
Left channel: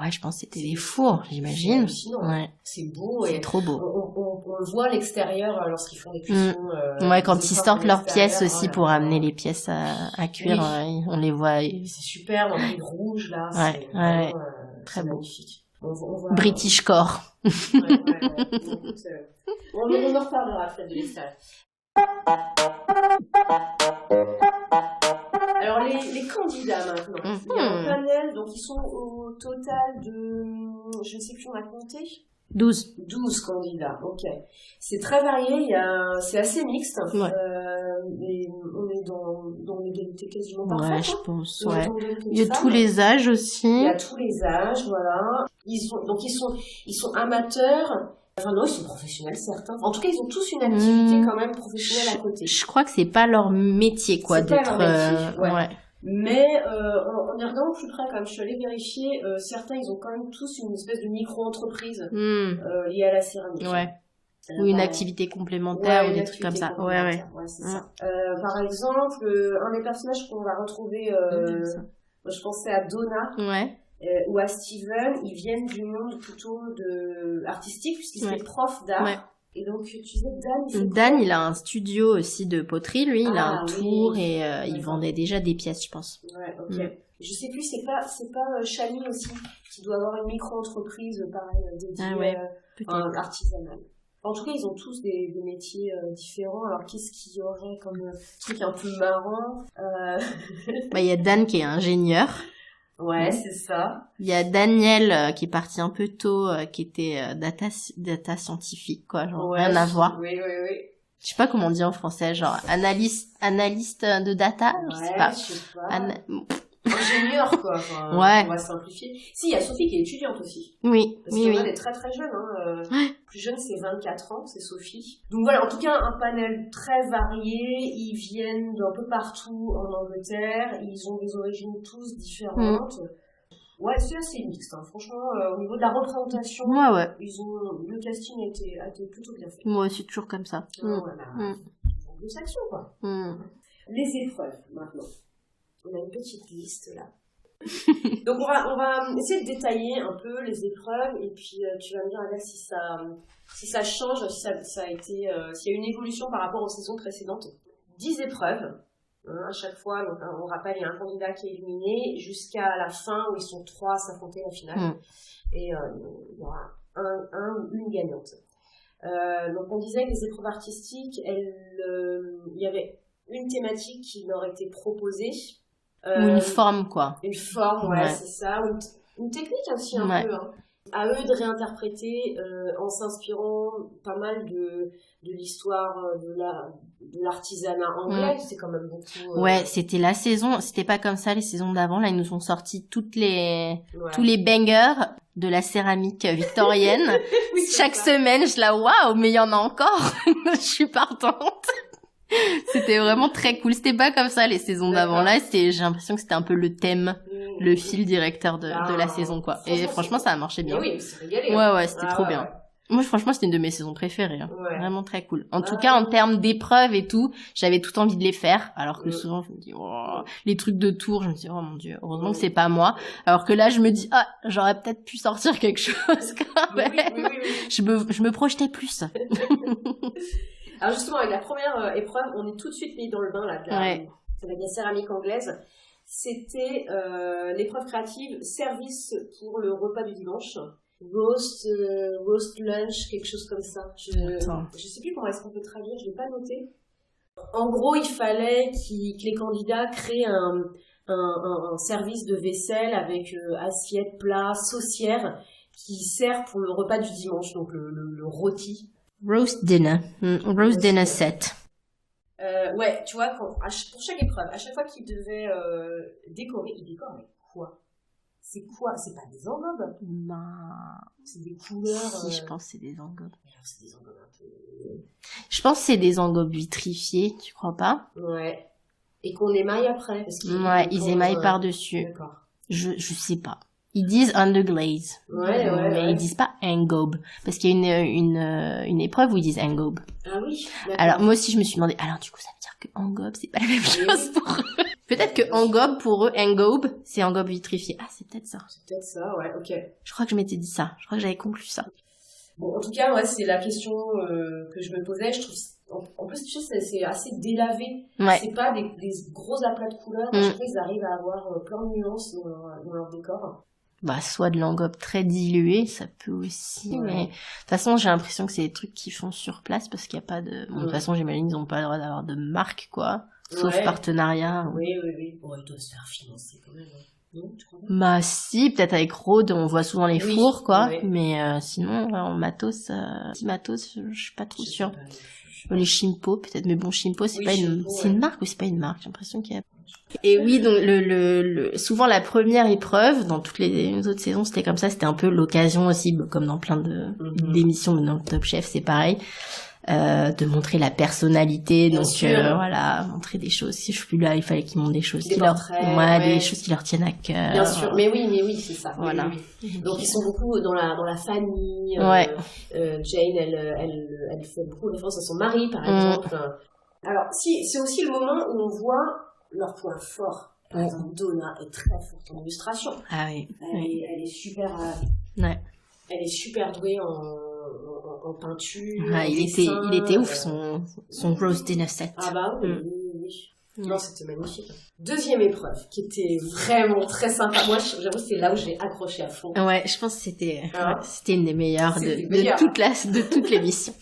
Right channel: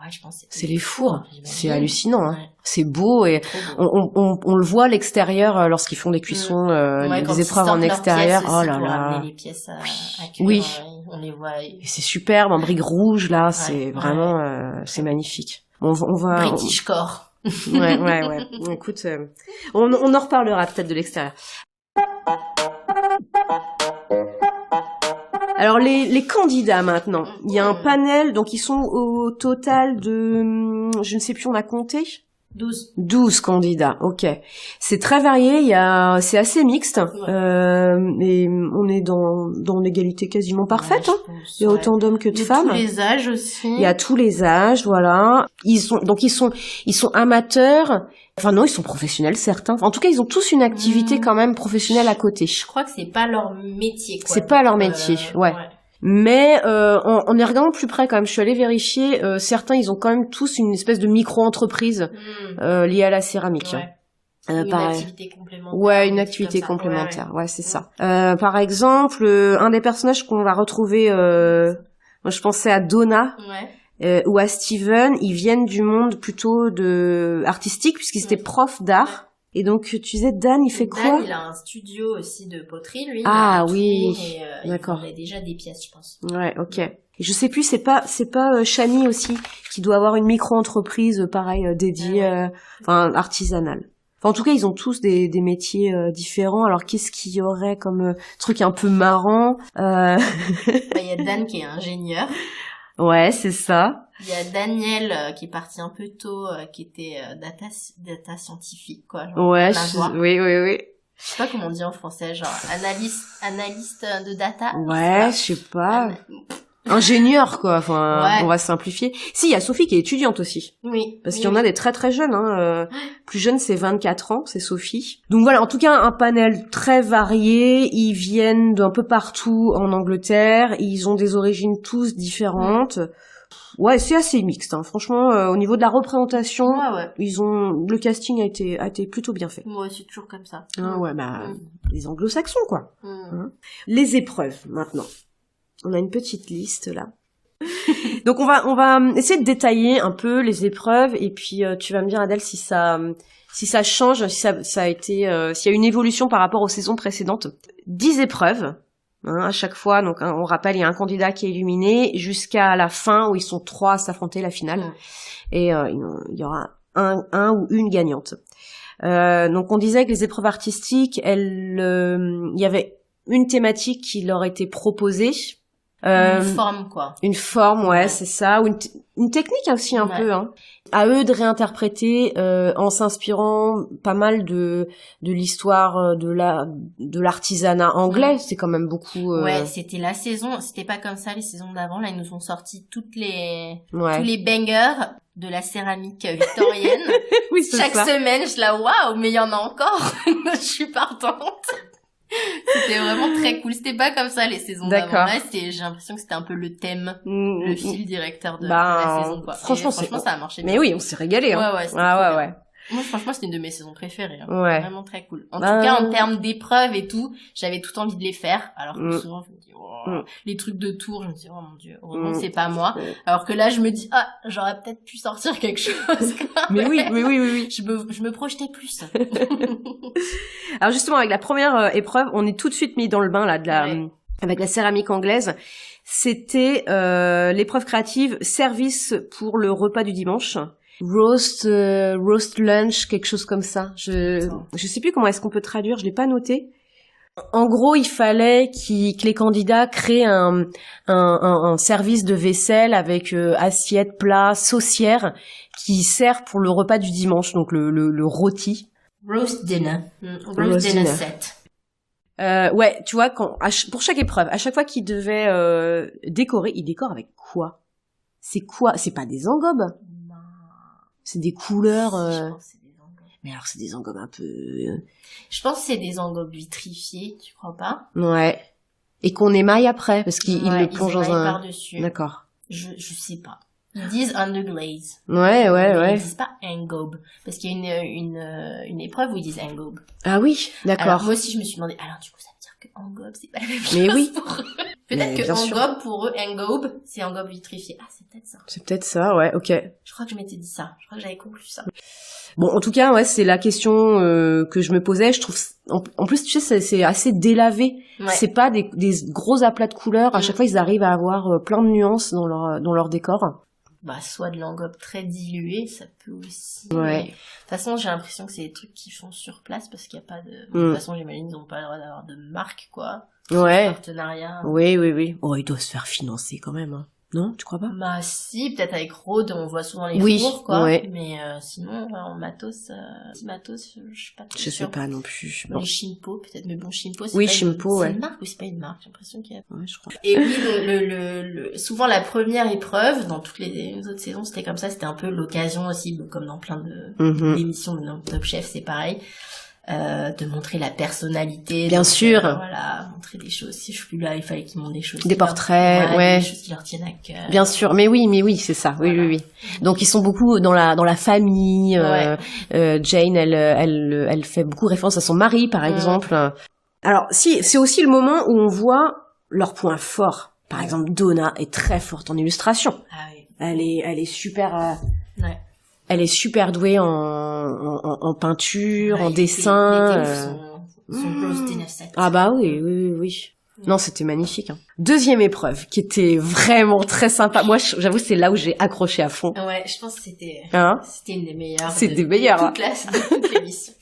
Ouais, je pense que c'est des fours. J'imagine. C'est hallucinant. Hein. C'est beau et trop beau. On le voit à l'extérieur lorsqu'ils font des cuissons. Quand ils sortent leurs pièces aussi pour amener les pièces à cuire, on les voit. C'est superbe, en briques rouges là, c'est vraiment c'est magnifique. On va British Core. Ouais. Écoute, on en reparlera peut-être de l'extérieur. Alors les candidats maintenant, il y a un panel, donc ils sont au total de, je ne sais plus, on a compté 12 candidats, ok. C'est très varié, c'est assez mixte, et on est dans l'égalité quasiment parfaite. Je pense, il y a autant d'hommes que de femmes. Il y a tous les âges aussi. Il y a tous les âges, voilà. Ils sont amateurs. Enfin non, ils sont professionnels, certains. En tout cas, ils ont tous une activité quand même professionnelle à côté. Je crois que c'est pas leur métier, quoi. C'est pas leur métier, ouais. Mais en y regardant plus près quand même, je suis allée vérifier, certains ils ont quand même tous une espèce de micro-entreprise liée à la céramique. Ouais. Ou une activité complémentaire. Ouais, une activité complémentaire. Ouais, c'est ça. Par exemple, un des personnages qu'on va retrouver, moi je pensais à Donna. Ou à Steven, ils viennent du monde plutôt artistique puisqu'ils étaient profs d'art. Ouais. Et donc, tu disais, Dan, il fait quoi? Dan, il a un studio aussi de poterie, lui. Il a un tour et il vendait déjà des pièces, je pense. Ouais, ok. Et je sais plus, c'est pas Shani aussi qui doit avoir une micro-entreprise pareil dédiée, artisanale. Enfin, en tout cas, ils ont tous des métiers différents. Alors, qu'est-ce qu'il y aurait comme truc un peu marrant Il y a Dan qui est ingénieur. Ouais, c'est ça. Il y a Daniel qui est parti un peu tôt, qui était data scientifique, quoi. Genre, rien à voir. Oui. Je sais pas comment on dit en français, genre analyste de data. Ouais, je sais pas. Ingénieur, quoi. Enfin, ouais. On va simplifier. Si, il y a Sophie qui est étudiante aussi. Oui. Parce qu'il y en a des très très jeunes, Plus jeune, c'est 24 ans, c'est Sophie. Donc voilà, en tout cas, un panel très varié. Ils viennent d'un peu partout en Angleterre. Ils ont des origines tous différentes. Ouais, c'est assez mixte, hein. Franchement, au niveau de la représentation, le casting a été plutôt bien fait. Moi, c'est toujours comme ça. Les anglo-saxons, quoi. Les épreuves, maintenant. On a une petite liste là. Donc on va essayer de détailler un peu les épreuves et puis tu vas me dire, Adèle, si ça change, si ça a été s'il y a une évolution par rapport aux saisons précédentes. 10 épreuves à chaque fois. Donc on rappelle, il y a un candidat qui est éliminé jusqu'à la fin où ils sont 3 à s'affronter la finale et il y aura un ou une gagnante. Donc on disait que les épreuves artistiques, il y avait une thématique qui leur était proposée. Une forme, quoi. Une forme, ouais. C'est ça. Ou une technique aussi, un peu, hein. À eux de réinterpréter, en s'inspirant pas mal de l'histoire de l'artisanat anglais. C'est quand même beaucoup, Ouais, c'était la saison, c'était pas comme ça les saisons d'avant. Là, ils nous ont sorti tous les bangers de la céramique victorienne. Oui, chaque semaine, je la waouh, mais il y en a encore. Je suis partante. C'était vraiment très cool. C'était pas comme ça les saisons d'avant. Là, j'ai l'impression que c'était un peu le thème, le fil directeur de la saison, quoi. Franchement, ça a marché bien. Mais oui, on s'est régalé. Ouais, c'était trop bien. Moi, franchement, c'était une de mes saisons préférées. Vraiment très cool. En tout cas, en termes d'épreuves et tout, j'avais tout envie de les faire. Alors que souvent, je me dis, les trucs de tour, je me dis, oh mon dieu, heureusement que c'est pas moi. Alors que là, je me dis, j'aurais peut-être pu sortir quelque chose. Mais oui. Je me projetais plus. Alors justement, avec la première épreuve, on est tout de suite mis dans le bain, là, avec la céramique anglaise. C'était l'épreuve créative, service pour le repas du dimanche. Roast lunch, quelque chose comme ça. Je sais plus comment est-ce qu'on peut traduire, je l'ai pas noté. En gros, il fallait que les candidats créent un service de vaisselle avec assiette, plat, saucière qui sert pour le repas du dimanche, donc le rôti. Roast dinner. Roast dinner set. Ouais, tu vois, pour chaque épreuve, à chaque fois qu'ils devaient décorer, ils décorent avec quoi? C'est quoi? C'est pas des engobes? C'est des couleurs. Si, je pense que c'est des engobes. Mais alors, c'est des engobes un peu. Je pense que c'est des engobes vitrifiés, tu crois pas? Ouais. Et qu'on émaille après, parce qu'ils émaillent par-dessus. D'accord. Je sais pas. Ils disent underglaze. Ouais. Ils disent pas engobe. Parce qu'il y a une épreuve où ils disent engobe. Ah oui, d'accord. Alors, moi aussi, je me suis demandé, alors du coup, ça veut dire que engobe, c'est pas la même chose. Mais oui. Pour eux. Peut-être que engobe, pour eux, engobe, c'est engobe vitrifié. Ah, c'est peut-être ça. C'est peut-être ça, ouais, ok. Je crois que je m'étais dit ça. Je crois que j'avais conclu ça. Bon, en tout cas, ouais, c'est la question que je me posais. Je trouve, en plus, tu sais, c'est assez délavé. Ouais. C'est pas des gros aplats de couleurs. À chaque fois, ils arrivent à avoir plein de nuances dans leur décor. Bah, soit de l'engobe très dilué, ça peut aussi. Ouais. Mais de toute façon, j'ai l'impression que c'est des trucs qu'ils font sur place parce qu'il y a pas de. Bon, de toute façon, j'imagine ils ont pas le droit d'avoir de marque, quoi. Sauf partenariat. Oui. Oh, ils doivent se faire financer quand même. Hein. Non, tu crois pas? Bah si, peut-être avec Rode, on voit souvent les fours, quoi. Ouais. Mais sinon, en matos, je suis pas trop sûre. Je sais pas non plus. Les Shimpo, peut-être. Mais bon, Shimpo, c'est pas une marque ou c'est pas une marque? J'ai l'impression qu'il y a. Ouais, je crois. Et oui, donc souvent la première épreuve dans toutes les autres saisons, c'était comme ça. C'était un peu l'occasion aussi, comme dans plein d'émissions, mais dans Top Chef, c'est pareil. De montrer la personnalité, bien sûr, voilà, montrer des choses. Si je suis là, il fallait qu'ils montrent des choses, des portraits, des choses qui leur tiennent à cœur. Bien sûr, mais oui, c'est ça. Voilà. Oui. Donc ils sont beaucoup dans la famille. Jane, elle fait beaucoup référence à son mari, par exemple. Alors, si c'est aussi le moment où on voit leurs points forts. Par exemple, Donna est très forte en illustration. Ah oui. Elle est super. Elle est super douée en peinture, en dessin. Il était ouf, son roast dinner set. Ah bah oui. Non, c'était magnifique. Deuxième épreuve, qui était vraiment très sympa. Moi, j'avoue, c'est là où j'ai accroché à fond. Ouais, je pense que c'était une des meilleures de toute l'émission.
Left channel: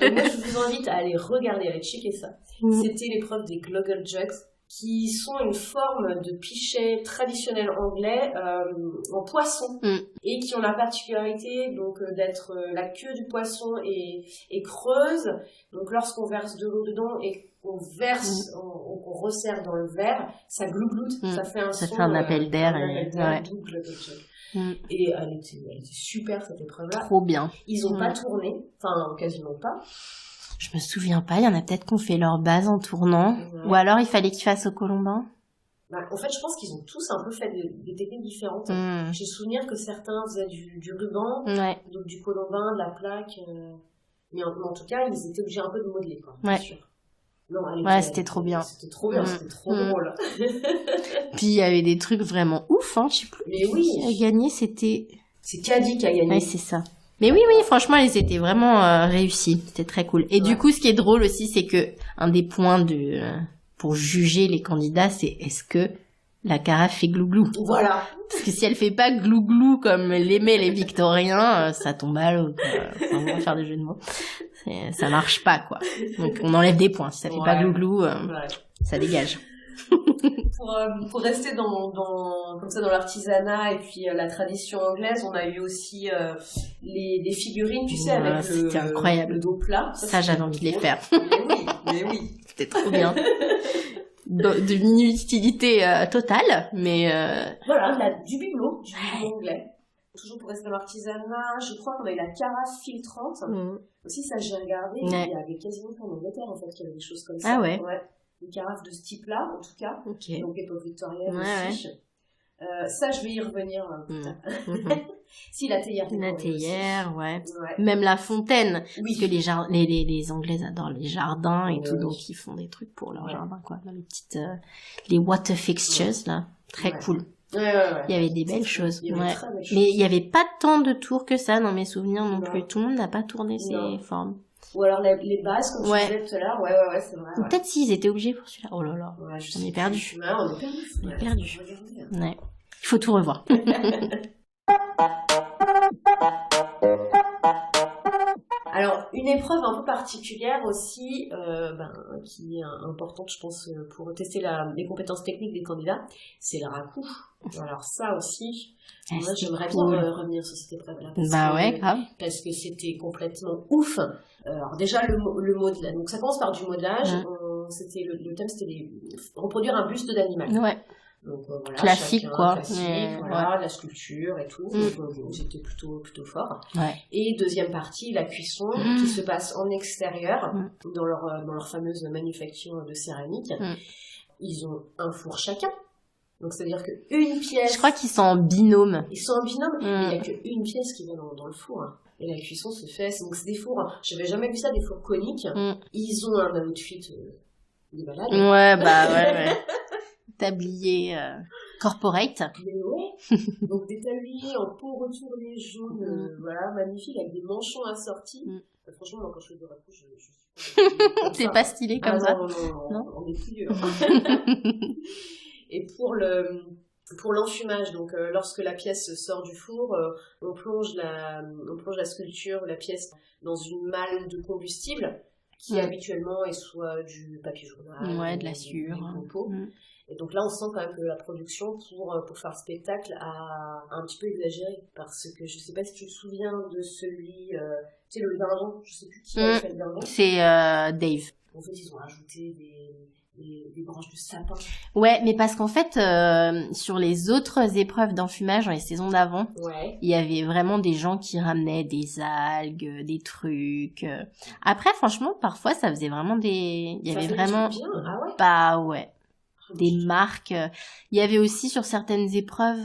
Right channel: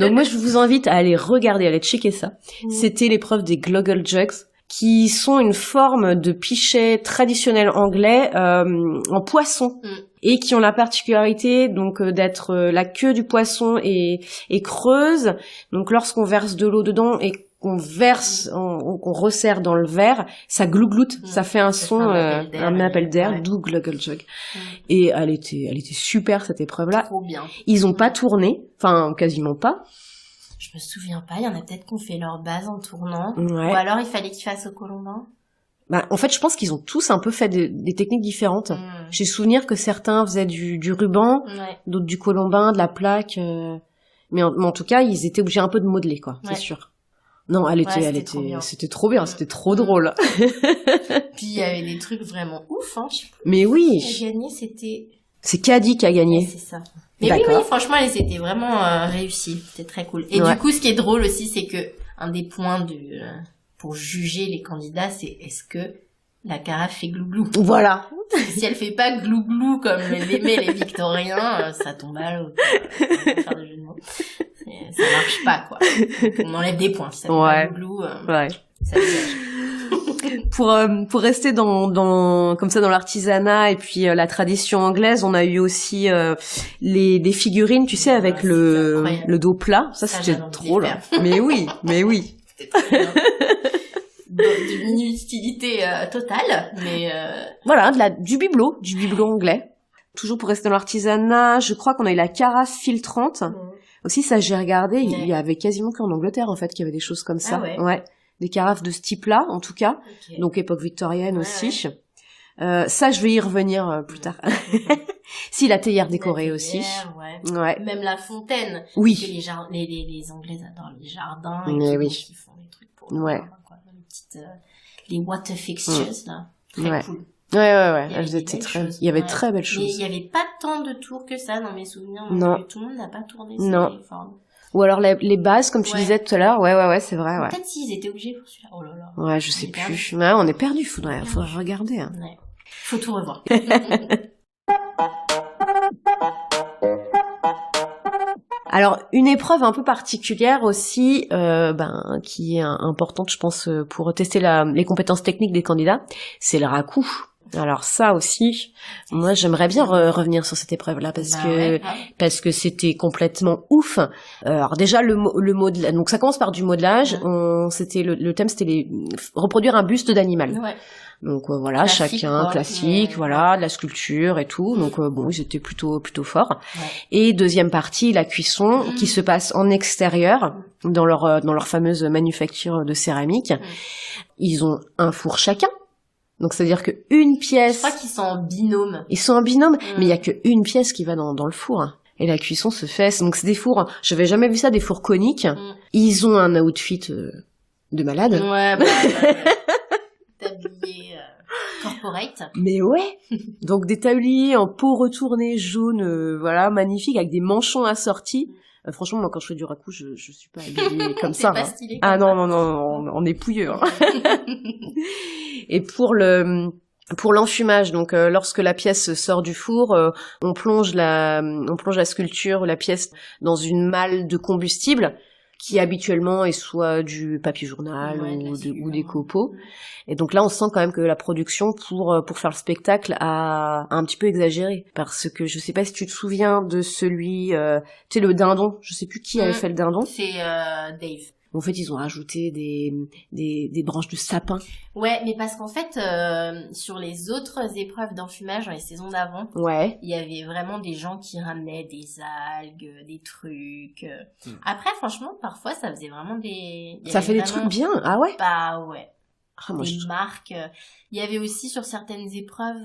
Donc moi, je vous invite à aller regarder, à aller checker ça. C'était l'épreuve des Gloggle Jugs, qui sont une forme de pichet traditionnel anglais en poisson et qui ont la particularité donc d'être la queue du poisson est creuse. Donc lorsqu'on verse de l'eau dedans et qu'on verse, qu'on resserre dans le verre, ça glougloute, ça fait un son, un appel d'air, d'où Gluggle Jug. Et elle était super cette épreuve-là. Trop bien. Ils ont pas tourné, enfin quasiment pas. Je me souviens pas, il y en a peut-être qu'on fait leur base en tournant, ou alors il fallait qu'ils fassent au colombin. Bah, en fait, je pense qu'ils ont tous un peu fait des techniques différentes. J'ai souvenir que certains faisaient du ruban, d'autres du colombin, de la plaque, mais en tout cas, ils étaient obligés un peu de modeler, quoi, c'est sûr. Non, c'était trop bien. C'était trop bien, c'était trop drôle. Puis il y avait des trucs vraiment ouf, hein, je sais plus. Mais oui. Qui a gagné, c'était... C'est Caddy qui a gagné. Ouais, c'est ça. Mais oui, franchement, elles étaient vraiment réussies. C'était très cool. Et du coup, ce qui est drôle aussi, c'est que un des points pour juger les candidats, c'est est-ce que la carafe fait glouglou. Voilà. Parce que si elle fait pas glouglou comme l'aimaient les Victoriens, ça tombe à l'eau. On va faire des jeux de mots. Ça marche pas, quoi. Donc, on enlève des points. Si ça fait pas glouglou, ça dégage. Pour rester comme ça dans l'artisanat et puis la tradition anglaise, on a eu aussi des figurines, tu sais, avec le dos plat. Ça j'avais envie de les faire. Mais oui. C'était trop bien. D'une inutilité totale, mais voilà, du bibelot anglais. Toujours pour rester dans l'artisanat, je crois qu'on a eu la carafe filtrante. Aussi, ça j'ai regardé, il y avait quasiment qu'en Angleterre en fait qu'il y avait des choses comme ça. Ah ouais. Des carafes de ce type-là, en tout cas. Donc époque victorienne aussi. Ça, je vais y revenir plus tard. Si, la théière décorée aussi. Ouais. Même la fontaine. Oui. Parce que les Anglais adorent les jardins et tout, donc ils font des trucs pour leur jardin, quoi. Dans les petites, les water fixtures, là. Très cool. Ouais. Il y avait des belles choses. Il y avait très belles choses. Mais il y avait pas tant de tours que ça dans mes souvenirs non plus. Tout le monde n'a pas tourné ces formes. Ou alors les bases, comme tu disais tout à l'heure. Ouais, c'est vrai. Ouais. Peut-être s'ils étaient obligés pour celui-là. Oh là là. Ouais, je sais plus. Ouais, on est perdu. Faudrait regarder. Hein. Ouais. Il faut tout revoir. Alors, une épreuve un peu particulière aussi, qui est importante, je pense, pour tester les compétences techniques des candidats, c'est le raku. Alors ça aussi, moi j'aimerais bien revenir sur cette épreuve-là parce que c'était complètement ouf. Alors déjà le modelage, donc ça commence par du modelage. Le thème c'était reproduire un buste d'animal. Ouais. Donc voilà, classique, chacun classique, de la sculpture et tout. Donc ils étaient plutôt forts. Ouais. Et deuxième partie, la cuisson qui se passe en extérieur dans leur fameuse manufacture de céramique. Ils ont un four chacun. Donc c'est-à-dire que une pièce. Je crois qu'ils sont en binôme. Ils sont en binôme, mais il y a qu'une pièce qui va dans le four. Hein. Et la cuisson se fait. Donc c'est des fours. J'avais jamais vu ça, des fours coniques. Ils ont un outfit de malade. Ouais, ouais. Tablier corporate. Mais ouais. Donc des tabliers en peau retournée jaune, magnifique, avec des manchons assortis. Franchement, moi, quand je fais du raku, je suis pas habillée comme ça. C'est pas stylé comme ça. Ah non, on est pouilleux. Hein. Et pour l'enfumage, donc lorsque la pièce sort du four, on plonge la sculpture ou la pièce dans une malle de combustible qui habituellement est soit du papier journal ou des copeaux. Et donc là, on sent quand même que la production pour faire le spectacle a un petit peu exagéré. Parce que je sais pas si tu te souviens de celui, tu sais, le dindon. Je sais plus qui avait fait le dindon. C'est Dave. En fait, ils ont rajouté des branches de sapin. Ouais, mais parce qu'en fait, sur les autres épreuves d'enfumage dans les saisons d'avant, il y avait vraiment des gens qui ramenaient des algues, des trucs. Après, franchement, parfois, ça faisait vraiment des trucs bien. Ah ouais? Bah ouais. Des marques. Il y avait aussi sur certaines épreuves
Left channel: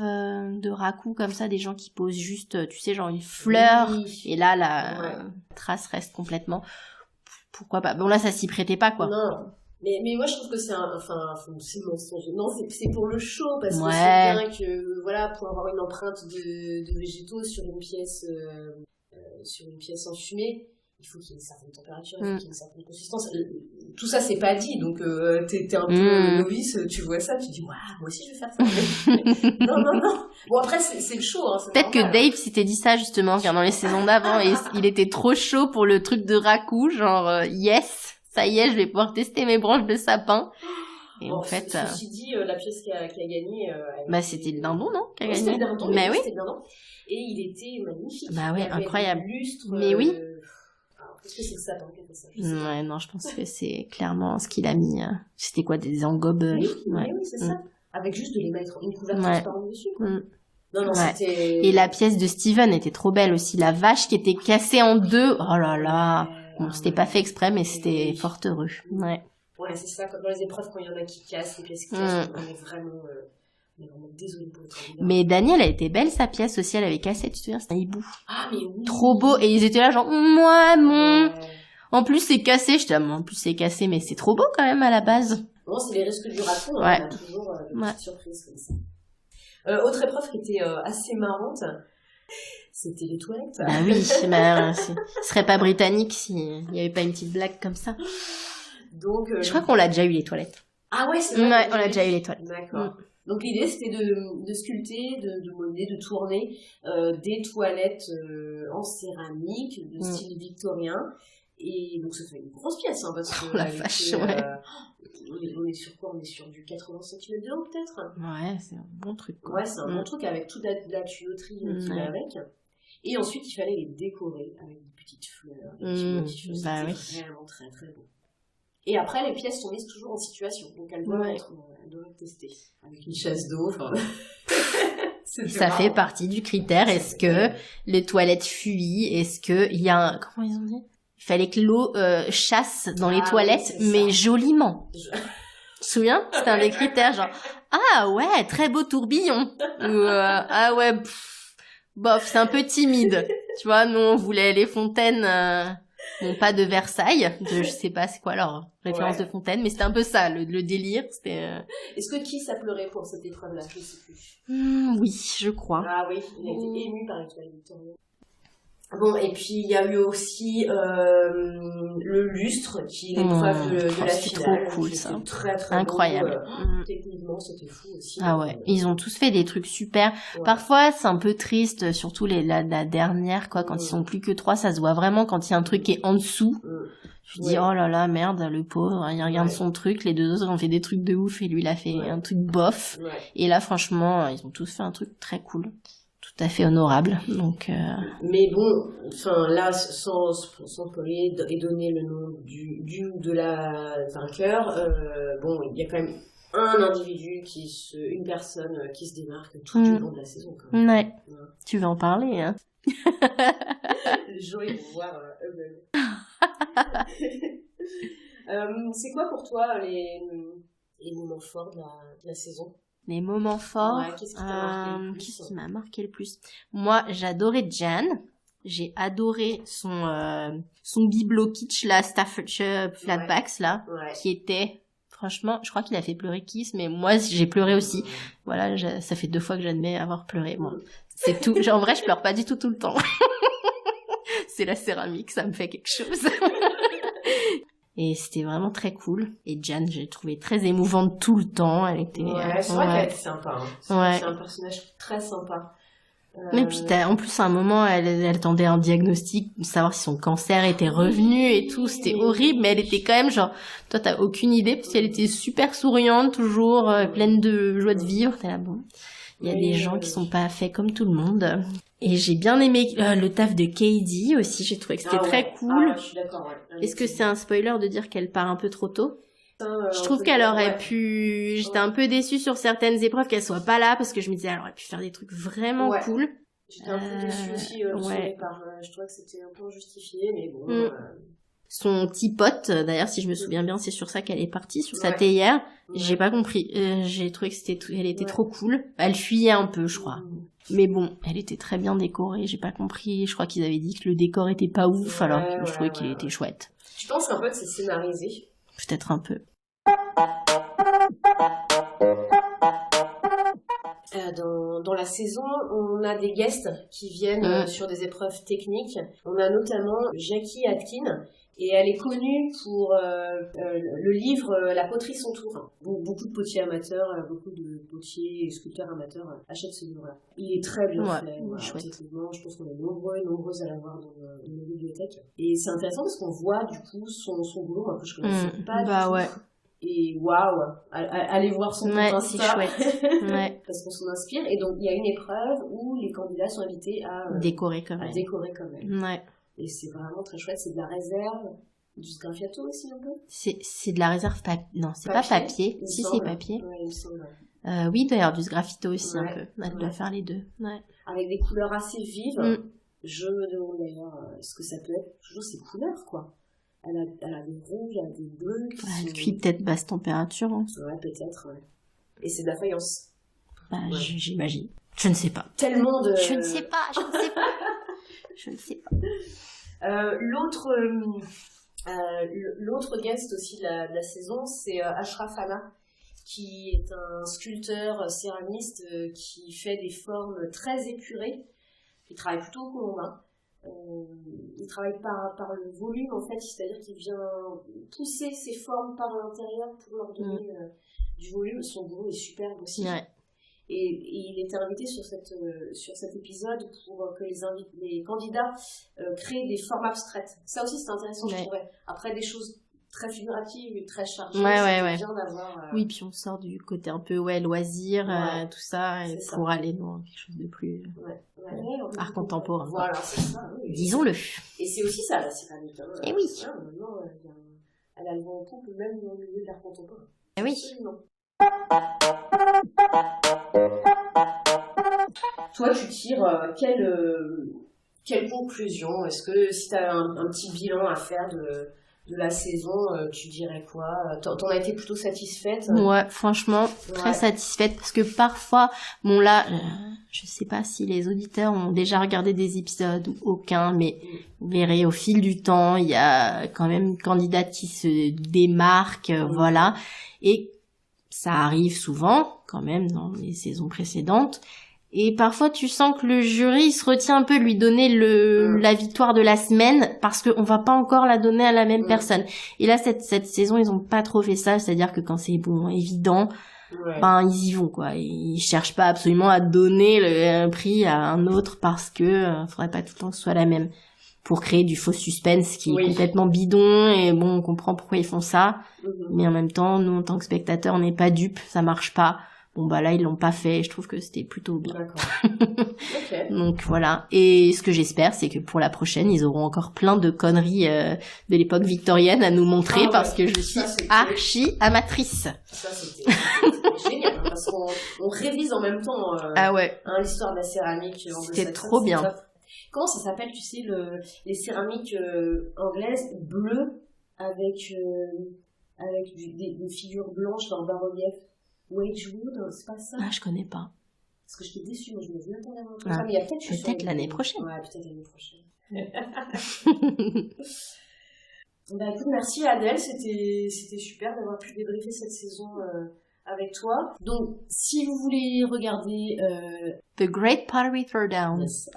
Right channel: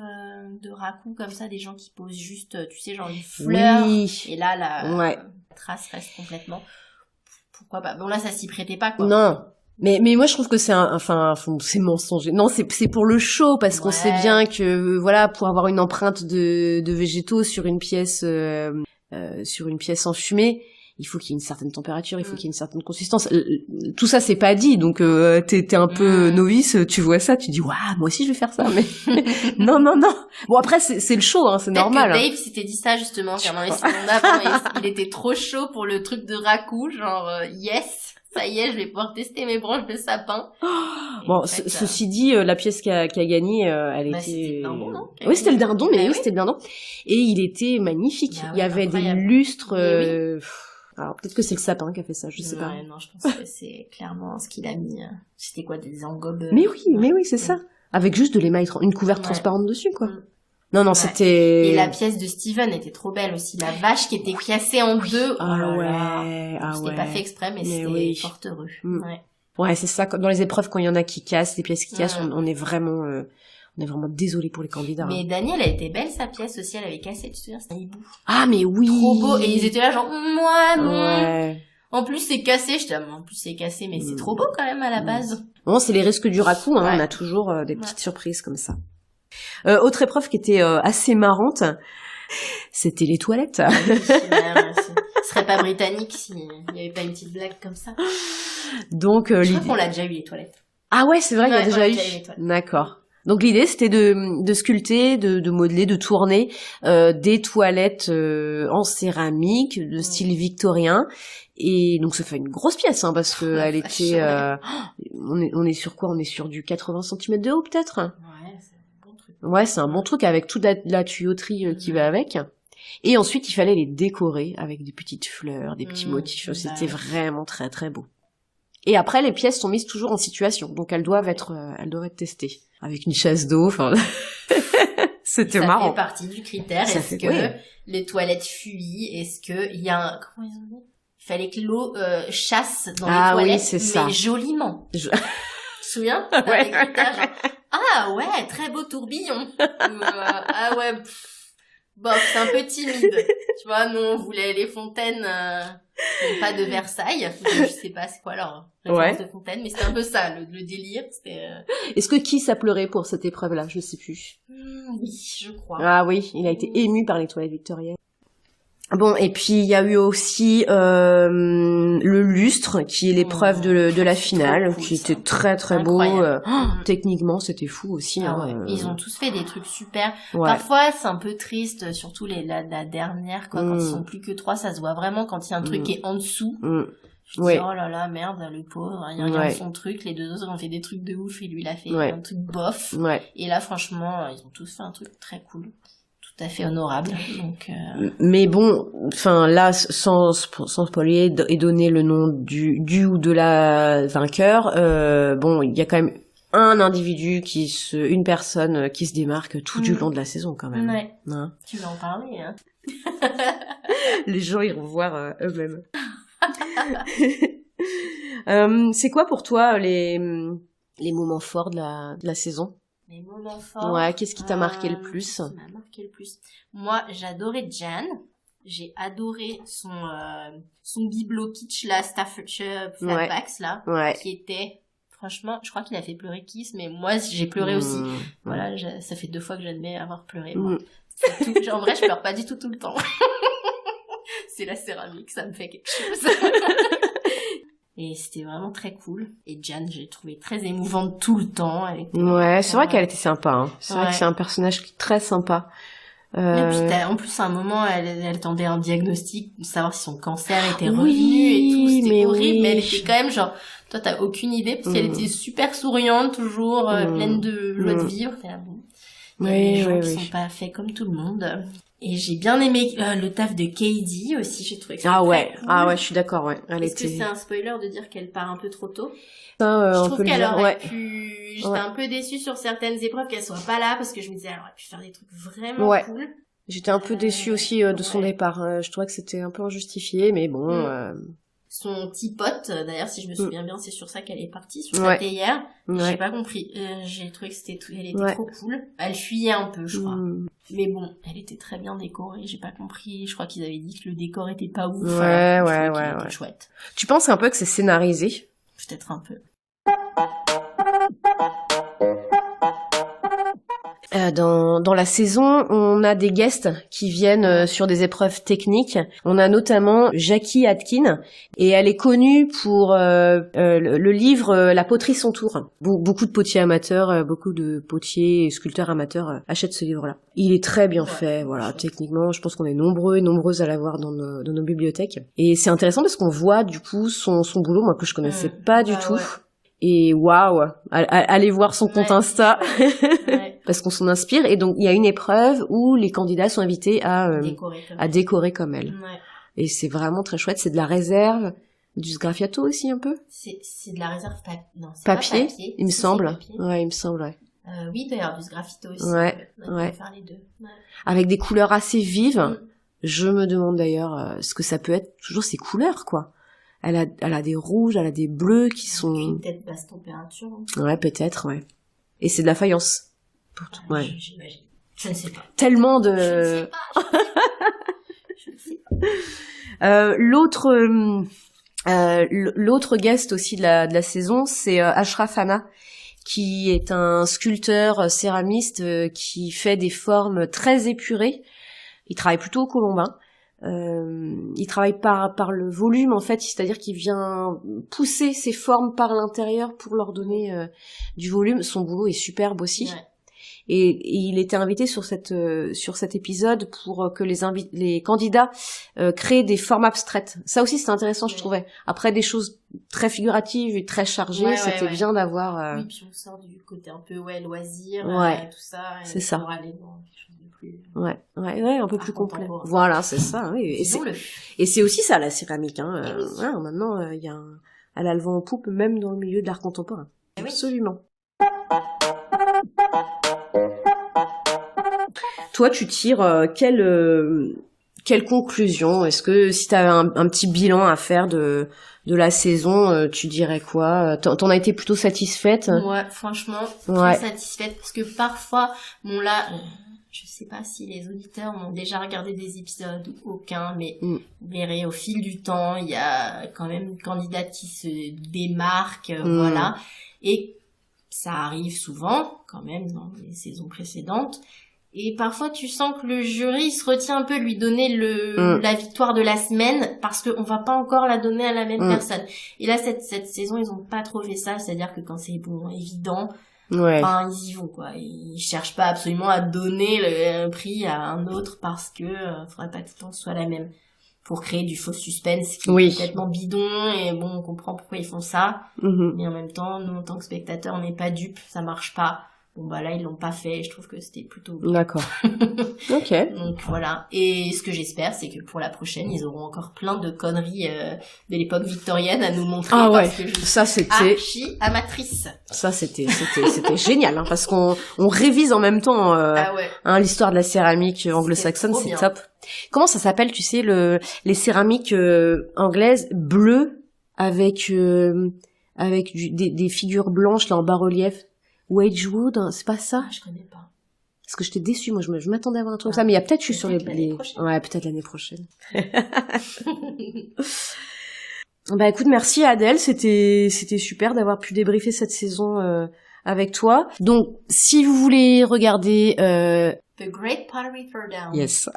de raku comme ça, des gens qui posent juste, tu sais, genre une fleur. Oui. Et là, la trace reste complètement... Pourquoi pas? Bon, là, ça s'y prêtait pas, quoi. Non. Mais moi, je trouve que c'est c'est mensonger. Non, c'est pour le show, parce qu'on sait bien que, pour avoir une empreinte de végétaux sur une pièce enfumée, il faut qu'il y ait une certaine température, il faut qu'il y ait une certaine consistance. Tout ça, c'est pas dit, donc t'es un peu novice, tu vois ça, tu dis, waouh, moi aussi je vais faire ça. Mais... non. Bon, après, c'est le show, hein, c'est peut-être normal. Peut-être que Dave s'était dit ça, justement, car dans les saisons d'avant, il était trop chaud pour le truc de Raku, genre, yes, ça y est, je vais pouvoir tester mes branches de sapin. Bon, en fait, ceci dit, la pièce qui a gagné, elle était... c'était le dindon, non? Oui, c'était le dindon, mais oui, c'était le dindon. Et il était magnifique. Bah, il y avait incroyable. des lustres. Oui. Alors, peut-être que c'est le sapin qui a fait ça, je sais pas. Ouais, non, je pense que c'est clairement ce qu'il a mis. C'était quoi, des engobes? Mais oui, c'est ça. Avec juste de l'émail, une couverture transparente dessus, quoi. Non, c'était... Et la pièce de Steven était trop belle aussi. La vache qui était cassée en deux. Oh là là. Bon, c'était pas fait exprès, mais c'était fort heureux. Ouais, c'est ça. Dans les épreuves, quand il y en a qui cassent, les pièces qui cassent, on est vraiment désolé pour les candidats. Mais Daniel, elle était belle, sa pièce aussi. Elle avait cassé, tu te souviens, c'était un hibou. Ah, mais oui. Trop beau. Et ils étaient là, genre, moi, non. En plus, c'est cassé. Je t'aime. En plus, c'est cassé, mais c'est trop beau quand même à la base. Bon, c'est les risques du Raku, hein. On a toujours des petites surprises comme ça. Autre épreuve qui était assez marrante, c'était les toilettes. Ah oui, ce serait pas britannique s'il n'y avait pas une petite blague comme ça. Donc, je crois qu'on l'a déjà eu, les toilettes. Ah ouais, c'est vrai, on a déjà eu les toilettes. D'accord. Donc l'idée, c'était de sculpter, de modeler, de tourner des toilettes en céramique de style victorien. Et donc ça fait une grosse pièce, hein, parce que elle était... on est sur quoi? On est sur du 80 cm de haut, peut-être? Ouais, c'est un bon truc. Ouais, c'est un bon truc, avec toute la tuyauterie qui va avec. Et ensuite, il fallait les décorer avec des petites fleurs, des petits motifs. C'était vraiment très, très beau. Et après, les pièces sont mises toujours en situation, donc elles doivent être testées avec une chasse d'eau. Enfin, c'était marrant. Ça fait partie du critère. Est-ce que les toilettes fuient? Est-ce que il y a comment ils ont dit? Il fallait que l'eau chasse dans les toilettes, mais joliment. Tu te souviens? C'était un des critères, genre ah ouais, très beau tourbillon. Ou, ah ouais, bof, c'est un peu timide. Tu vois, nous on voulait les fontaines. Bon, pas de Versailles, je sais pas c'est quoi leur référence de fontaine, mais c'était un peu ça, le délire. C'était. Est-ce que Kiss a pleuré pour cette épreuve-là? Je sais plus. Oui, je crois. Ah oui, il a été ému par les toilettes victoriennes. Bon, et puis il y a eu aussi le lustre, qui est l'épreuve de la finale, qui était très très beau. Techniquement, c'était fou aussi. Ah ouais, ils ont tous fait des trucs super. Parfois, c'est un peu triste, surtout la dernière, quoi. Quand ils sont plus que 3, ça se voit vraiment quand il y a un truc qui est en dessous. Je dis, oh là là, merde, le pauvre, il regarde son truc, les deux autres ont fait des trucs de ouf, et lui, il a fait un truc bof. Et là, franchement, ils ont tous fait un truc très cool. Tout à fait honorable, donc... Mais bon, enfin, là, sans spoiler et donner le nom du ou de la vainqueur, bon, il y a quand même une personne qui se démarque tout du long de la saison, quand même. Ouais. Hein, tu veux en parler, hein? Les gens, ils vont voir eux-mêmes. C'est quoi pour toi les moments forts de la saison? Les moments forts. Ouais, qu'est-ce qui t'a marqué le plus? Qu'est-ce qui m'a marqué le plus? Moi, j'adorais Jan. J'ai adoré son bibelot kitsch, là, Staffordshire Flatbacks, là, qui était, franchement, je crois qu'il a fait pleurer Kiss, mais moi, j'ai pleuré aussi. Voilà, ça fait 2 fois que j'admets avoir pleuré. Bon, c'est tout. En vrai, je pleure pas du tout le temps. C'est la céramique, ça me fait quelque chose. Et c'était vraiment très cool. Et Jan, j'ai trouvé très émouvante tout le temps. Elle était... Ouais, c'est vrai qu'elle était sympa. Hein. C'est vrai que c'est un personnage très sympa. Et puis en plus, à un moment, elle attendait un diagnostic, savoir si son cancer était revenu et tout. C'était horrible, mais elle était quand même genre... Toi, t'as aucune idée, parce qu'elle était super souriante, toujours pleine de joie de vivre. T'es là, bon... Il y a des gens qui sont pas faits comme tout le monde. Et j'ai bien aimé le taf de Katie aussi, j'ai trouvé que c'était très cool. Ah ouais, je suis d'accord, Est-ce que c'est un spoiler de dire qu'elle part un peu trop tôt? Je trouve qu'elle aurait pu... J'étais un peu déçue sur certaines épreuves qu'elle soit pas là, parce que je me disais, elle aurait pu faire des trucs vraiment cool. J'étais un peu déçue aussi de son départ. Je trouvais que c'était un peu injustifié, mais bon... Son petit pote, d'ailleurs, si je me souviens bien, c'est sur ça qu'elle est partie, sur sa théière. J'ai pas compris. J'ai trouvé que elle était trop cool. Elle fuyait un peu, je crois. Mais bon, elle était très bien décorée. J'ai pas compris. Je crois qu'ils avaient dit que le décor était pas ouf. Alors, je trouvais qu'il était chouette. Tu penses un peu que c'est scénarisé? Peut-être un peu. Dans la saison, on a des guests qui viennent sur des épreuves techniques. On a notamment Jackie Atkin, et elle est connue pour le livre La poterie son tour. Beaucoup de potiers amateurs, beaucoup de potiers et sculpteurs amateurs achètent ce livre-là. Il est très bien fait, voilà. Chouette. Techniquement, je pense qu'on est nombreux et nombreuses à l'avoir dans nos bibliothèques. Et c'est intéressant parce qu'on voit du coup son boulot, moi que je connaissais pas du tout. Ouais. Et waouh, allez voir son compte Insta, parce qu'on s'en inspire. Et donc il y a une épreuve où les candidats sont invités à décorer comme elle. Ouais. Et c'est vraiment très chouette. C'est de la réserve, du sgraffiato aussi un peu. C'est de la réserve non, c'est pas papier. Il me semble. Ouais, il me semble. Ouais. Oui, d'ailleurs du sgraffito aussi un peu. On va faire les deux. Ouais. Avec des couleurs assez vives. Je me demande d'ailleurs ce que ça peut être. Toujours ces couleurs, quoi. Elle a des rouges, elle a des bleus qui sont... Cuit peut-être basse température. Hein. Ouais, peut-être, ouais. Et c'est de la faïence. J'imagine. Je ne sais pas. Tellement de... Je ne sais pas. Je ne sais pas. L'autre guest aussi de la saison, c'est Ashraf Hanna, qui est un sculpteur céramiste qui fait des formes très épurées. Il travaille plutôt au colombin. Il travaille par le volume en fait, c'est-à-dire qu'il vient pousser ses formes par l'intérieur pour leur donner du volume. Son boulot est superbe aussi. Ouais. Et il était invité sur cet épisode pour que les candidats créent des formes abstraites. Ça aussi c'est intéressant, je trouvais. Après des choses très figuratives et très chargées, c'était bien d'avoir... Oui, puis on sort du côté un peu loisir, tout ça, c'est ça. Pour aller dans quelque chose de plus... un peu plus contemporain. Voilà, c'est ça. Oui. Disons-le. Et c'est aussi ça la céramique. Hein. Et oui. Maintenant, elle a le vent en poupe, même dans le milieu de l'art contemporain. Et oui. Absolument. Toi, tu tires quelle conclusion? Est-ce que si tu as un petit bilan à faire de la saison, tu dirais quoi? T'en as été plutôt satisfaite? Ouais, franchement, très satisfaite, parce que parfois, bon là, je sais pas si les auditeurs ont déjà regardé des épisodes ou aucun, mais vous verrez, au fil du temps, il y a quand même une candidate qui se démarque, voilà, et ça arrive souvent, quand même, dans les saisons précédentes. Et parfois, tu sens que le jury se retient un peu de lui donner la victoire de la semaine, parce qu'on va pas encore la donner à la même personne. Et là, cette saison, ils ont pas trop fait ça, c'est-à-dire que quand c'est évident, ils y vont, quoi. Ils cherchent pas absolument à donner le prix à un autre parce que faudrait pas tout le temps que ce soit la même. Pour créer du faux suspense qui est complètement bidon, et bon, on comprend pourquoi ils font ça, mais en même temps, nous, en tant que spectateurs, on n'est pas dupes, ça marche pas. Bon, bah là, ils l'ont pas fait, et je trouve que c'était plutôt bien. D'accord. Ok. Donc voilà. Et ce que j'espère, c'est que pour la prochaine, ils auront encore plein de conneries de l'époque victorienne à nous montrer, parce que je suis archi amatrice. Ça, c'était génial, hein, parce qu'on révise en même temps l'histoire de la céramique anglo-saxonne, c'est top. Comment ça s'appelle, tu sais, les céramiques anglaises bleues avec des figures blanches là en bas-relief? Wedgwood, c'est pas ça? Ah, je connais pas. Parce que j'étais déçue, moi je m'attendais à voir un truc comme ça, mais il y a peut-être, je suis sur l'année prochaine. Ouais, peut-être l'année prochaine. Bah écoute, merci Adèle, c'était super d'avoir pu débriefer cette saison avec toi. Donc, si vous voulez regarder The Great Pottery Throwdown. Yes.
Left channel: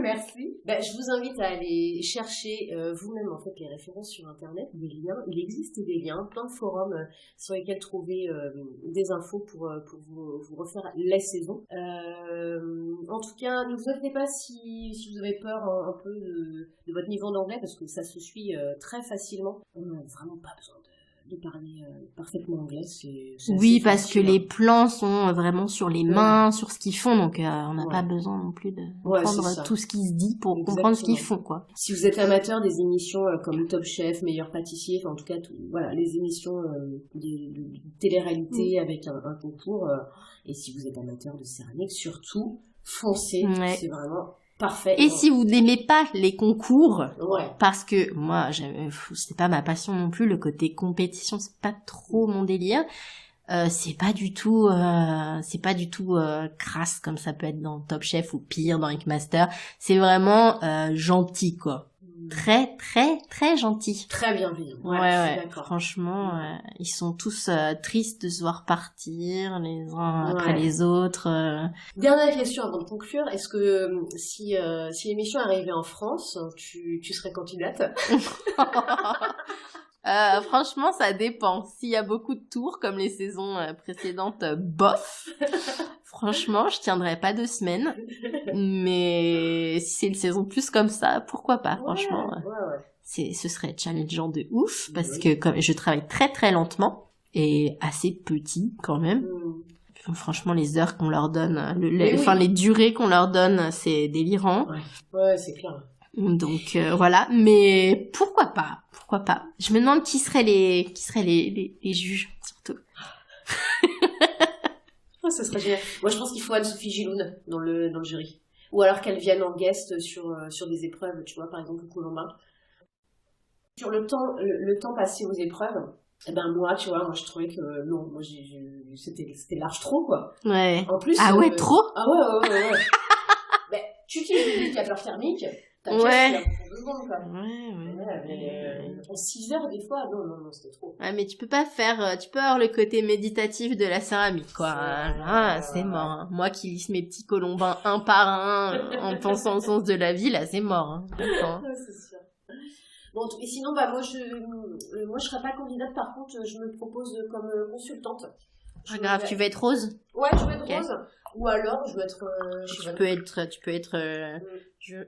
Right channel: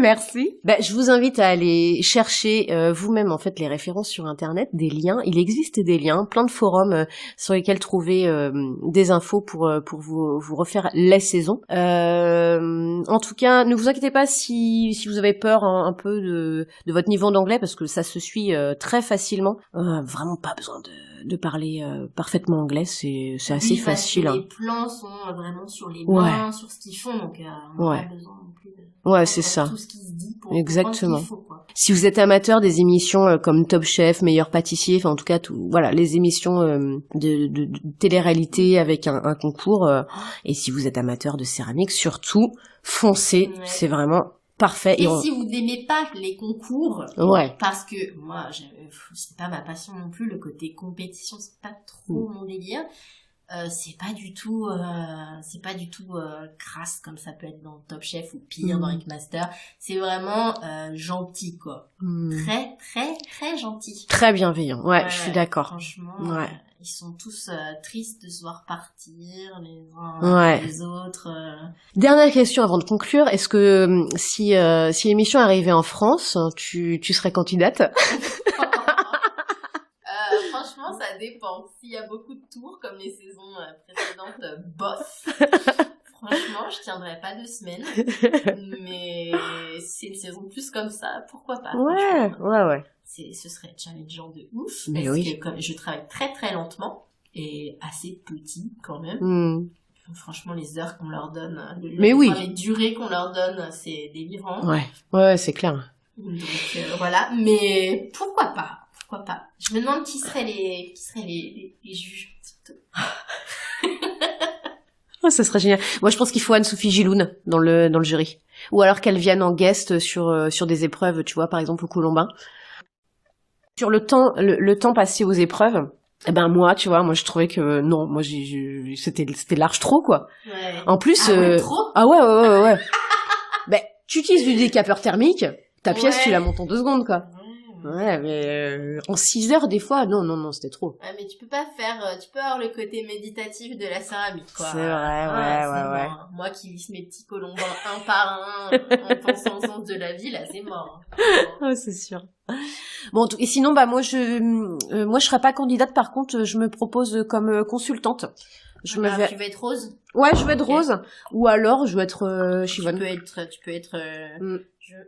Merci. Je vous invite à aller chercher vous-même en fait les références sur internet, des liens. Il existe des liens, plein de forums sur lesquels trouver des infos pour vous refaire les saisons. En tout cas, ne vous inquiétez pas si vous avez peur un peu de votre niveau d'anglais, parce que ça se suit très facilement. Vraiment pas besoin de parler parfaitement anglais, c'est assez facile. Oui, parce que les plans sont vraiment sur les mains, sur ce qu'ils font, donc on n'a pas besoin non plus de comprendre tout ce qui se dit pour comprendre ce qu'ils font, quoi. Si vous êtes amateur des émissions comme Top Chef, Meilleur Pâtissier, enfin en tout cas les émissions de télé-réalité avec un concours, et si vous êtes amateur de céramique, surtout foncez, c'est vraiment parfait. Et si vous n'aimez pas les concours, parce que moi, c'était pas ma passion non plus, le côté compétition, c'est pas trop mon délire. c'est pas du tout crasse comme ça peut être dans Top Chef ou pire dans Ink Master. C'est vraiment gentil quoi. Très très très gentil. Très bienveillant. Ouais, je suis d'accord. Franchement, ils sont tous tristes de se voir partir les uns après les autres. Dernière question avant de conclure, est-ce que si l'émission arrivait en France, tu serais candidate? Franchement, ça dépend. S'il y a beaucoup de tours, comme les saisons précédentes, bof. Franchement, je tiendrai pas 2 semaines. Mais si c'est une saison plus comme ça, pourquoi pas, franchement. Ouais. Ce serait challengeant de ouf, parce que comme je travaille très très lentement, et assez petit quand même. Franchement, les heures qu'on leur donne, les durées qu'on leur donne, c'est délirant. Ouais, c'est clair. Donc voilà, mais pourquoi pas? Je me demande qui seraient les juges, surtout. Ça serait génial. Moi, je pense qu'il faut Anne-Sophie Giloun dans le jury. Ou alors qu'elle vienne en guest sur des épreuves, tu vois, par exemple au Colombin. Sur le temps passé aux épreuves, moi, tu vois, je trouvais que non, moi c'était large trop quoi. Ouais. En plus trop. Ah ouais. Tu utilises du décapeur thermique, ta pièce tu la montes en 2 secondes quoi. Ouais, mais en 6 heures des fois, non, c'était trop. Ouais, mais tu peux avoir le côté méditatif de la céramique, quoi. C'est mort. Hein. Moi qui lisse mes petits colombins un par un en pensant au sens de la vie, là, c'est mort. Hein, c'est sûr. Bon, et sinon, moi, je serais pas candidate. Par contre, je me propose comme consultante. Tu veux être Rose? Ouais, je veux être Rose. Ou alors, je veux être Chivonne. Tu peux être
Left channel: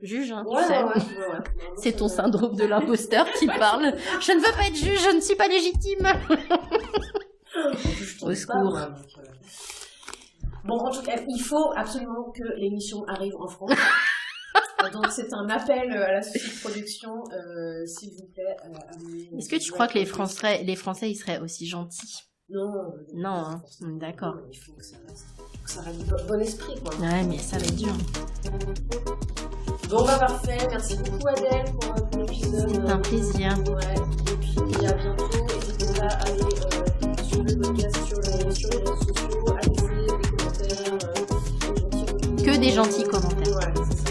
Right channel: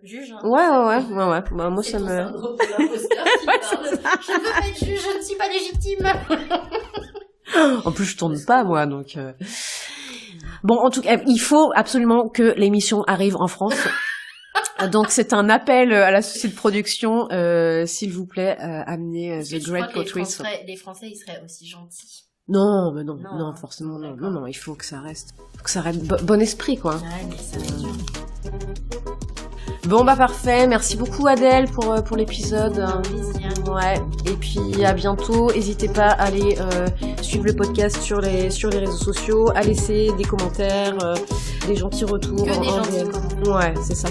juge. Hein, ouais. Moi, c'est ton syndrome de l'imposteur qui parle. Je ne veux pas être juge, je ne suis pas légitime. En plus, je tourne pas, moi, donc... Bon, en tout cas, il faut absolument que l'émission arrive en France. Donc, c'est un appel à la société de production. S'il vous plaît, amenez Est-ce que tu crois que les Français, ils seraient aussi gentils? Non, forcément. D'accord. Non, il faut que ça reste. Bon esprit, quoi. Ouais, mais ça va être dur. Bon, parfait. Merci beaucoup, Adèle, pour l'épisode. C'est un plaisir. Ouais. Et puis, à bientôt. N'hésitez pas à aller suivre le podcast sur les réseaux sociaux, à laisser des commentaires, des gentils retours. Que des gentils commentaires. Ouais, c'est ça.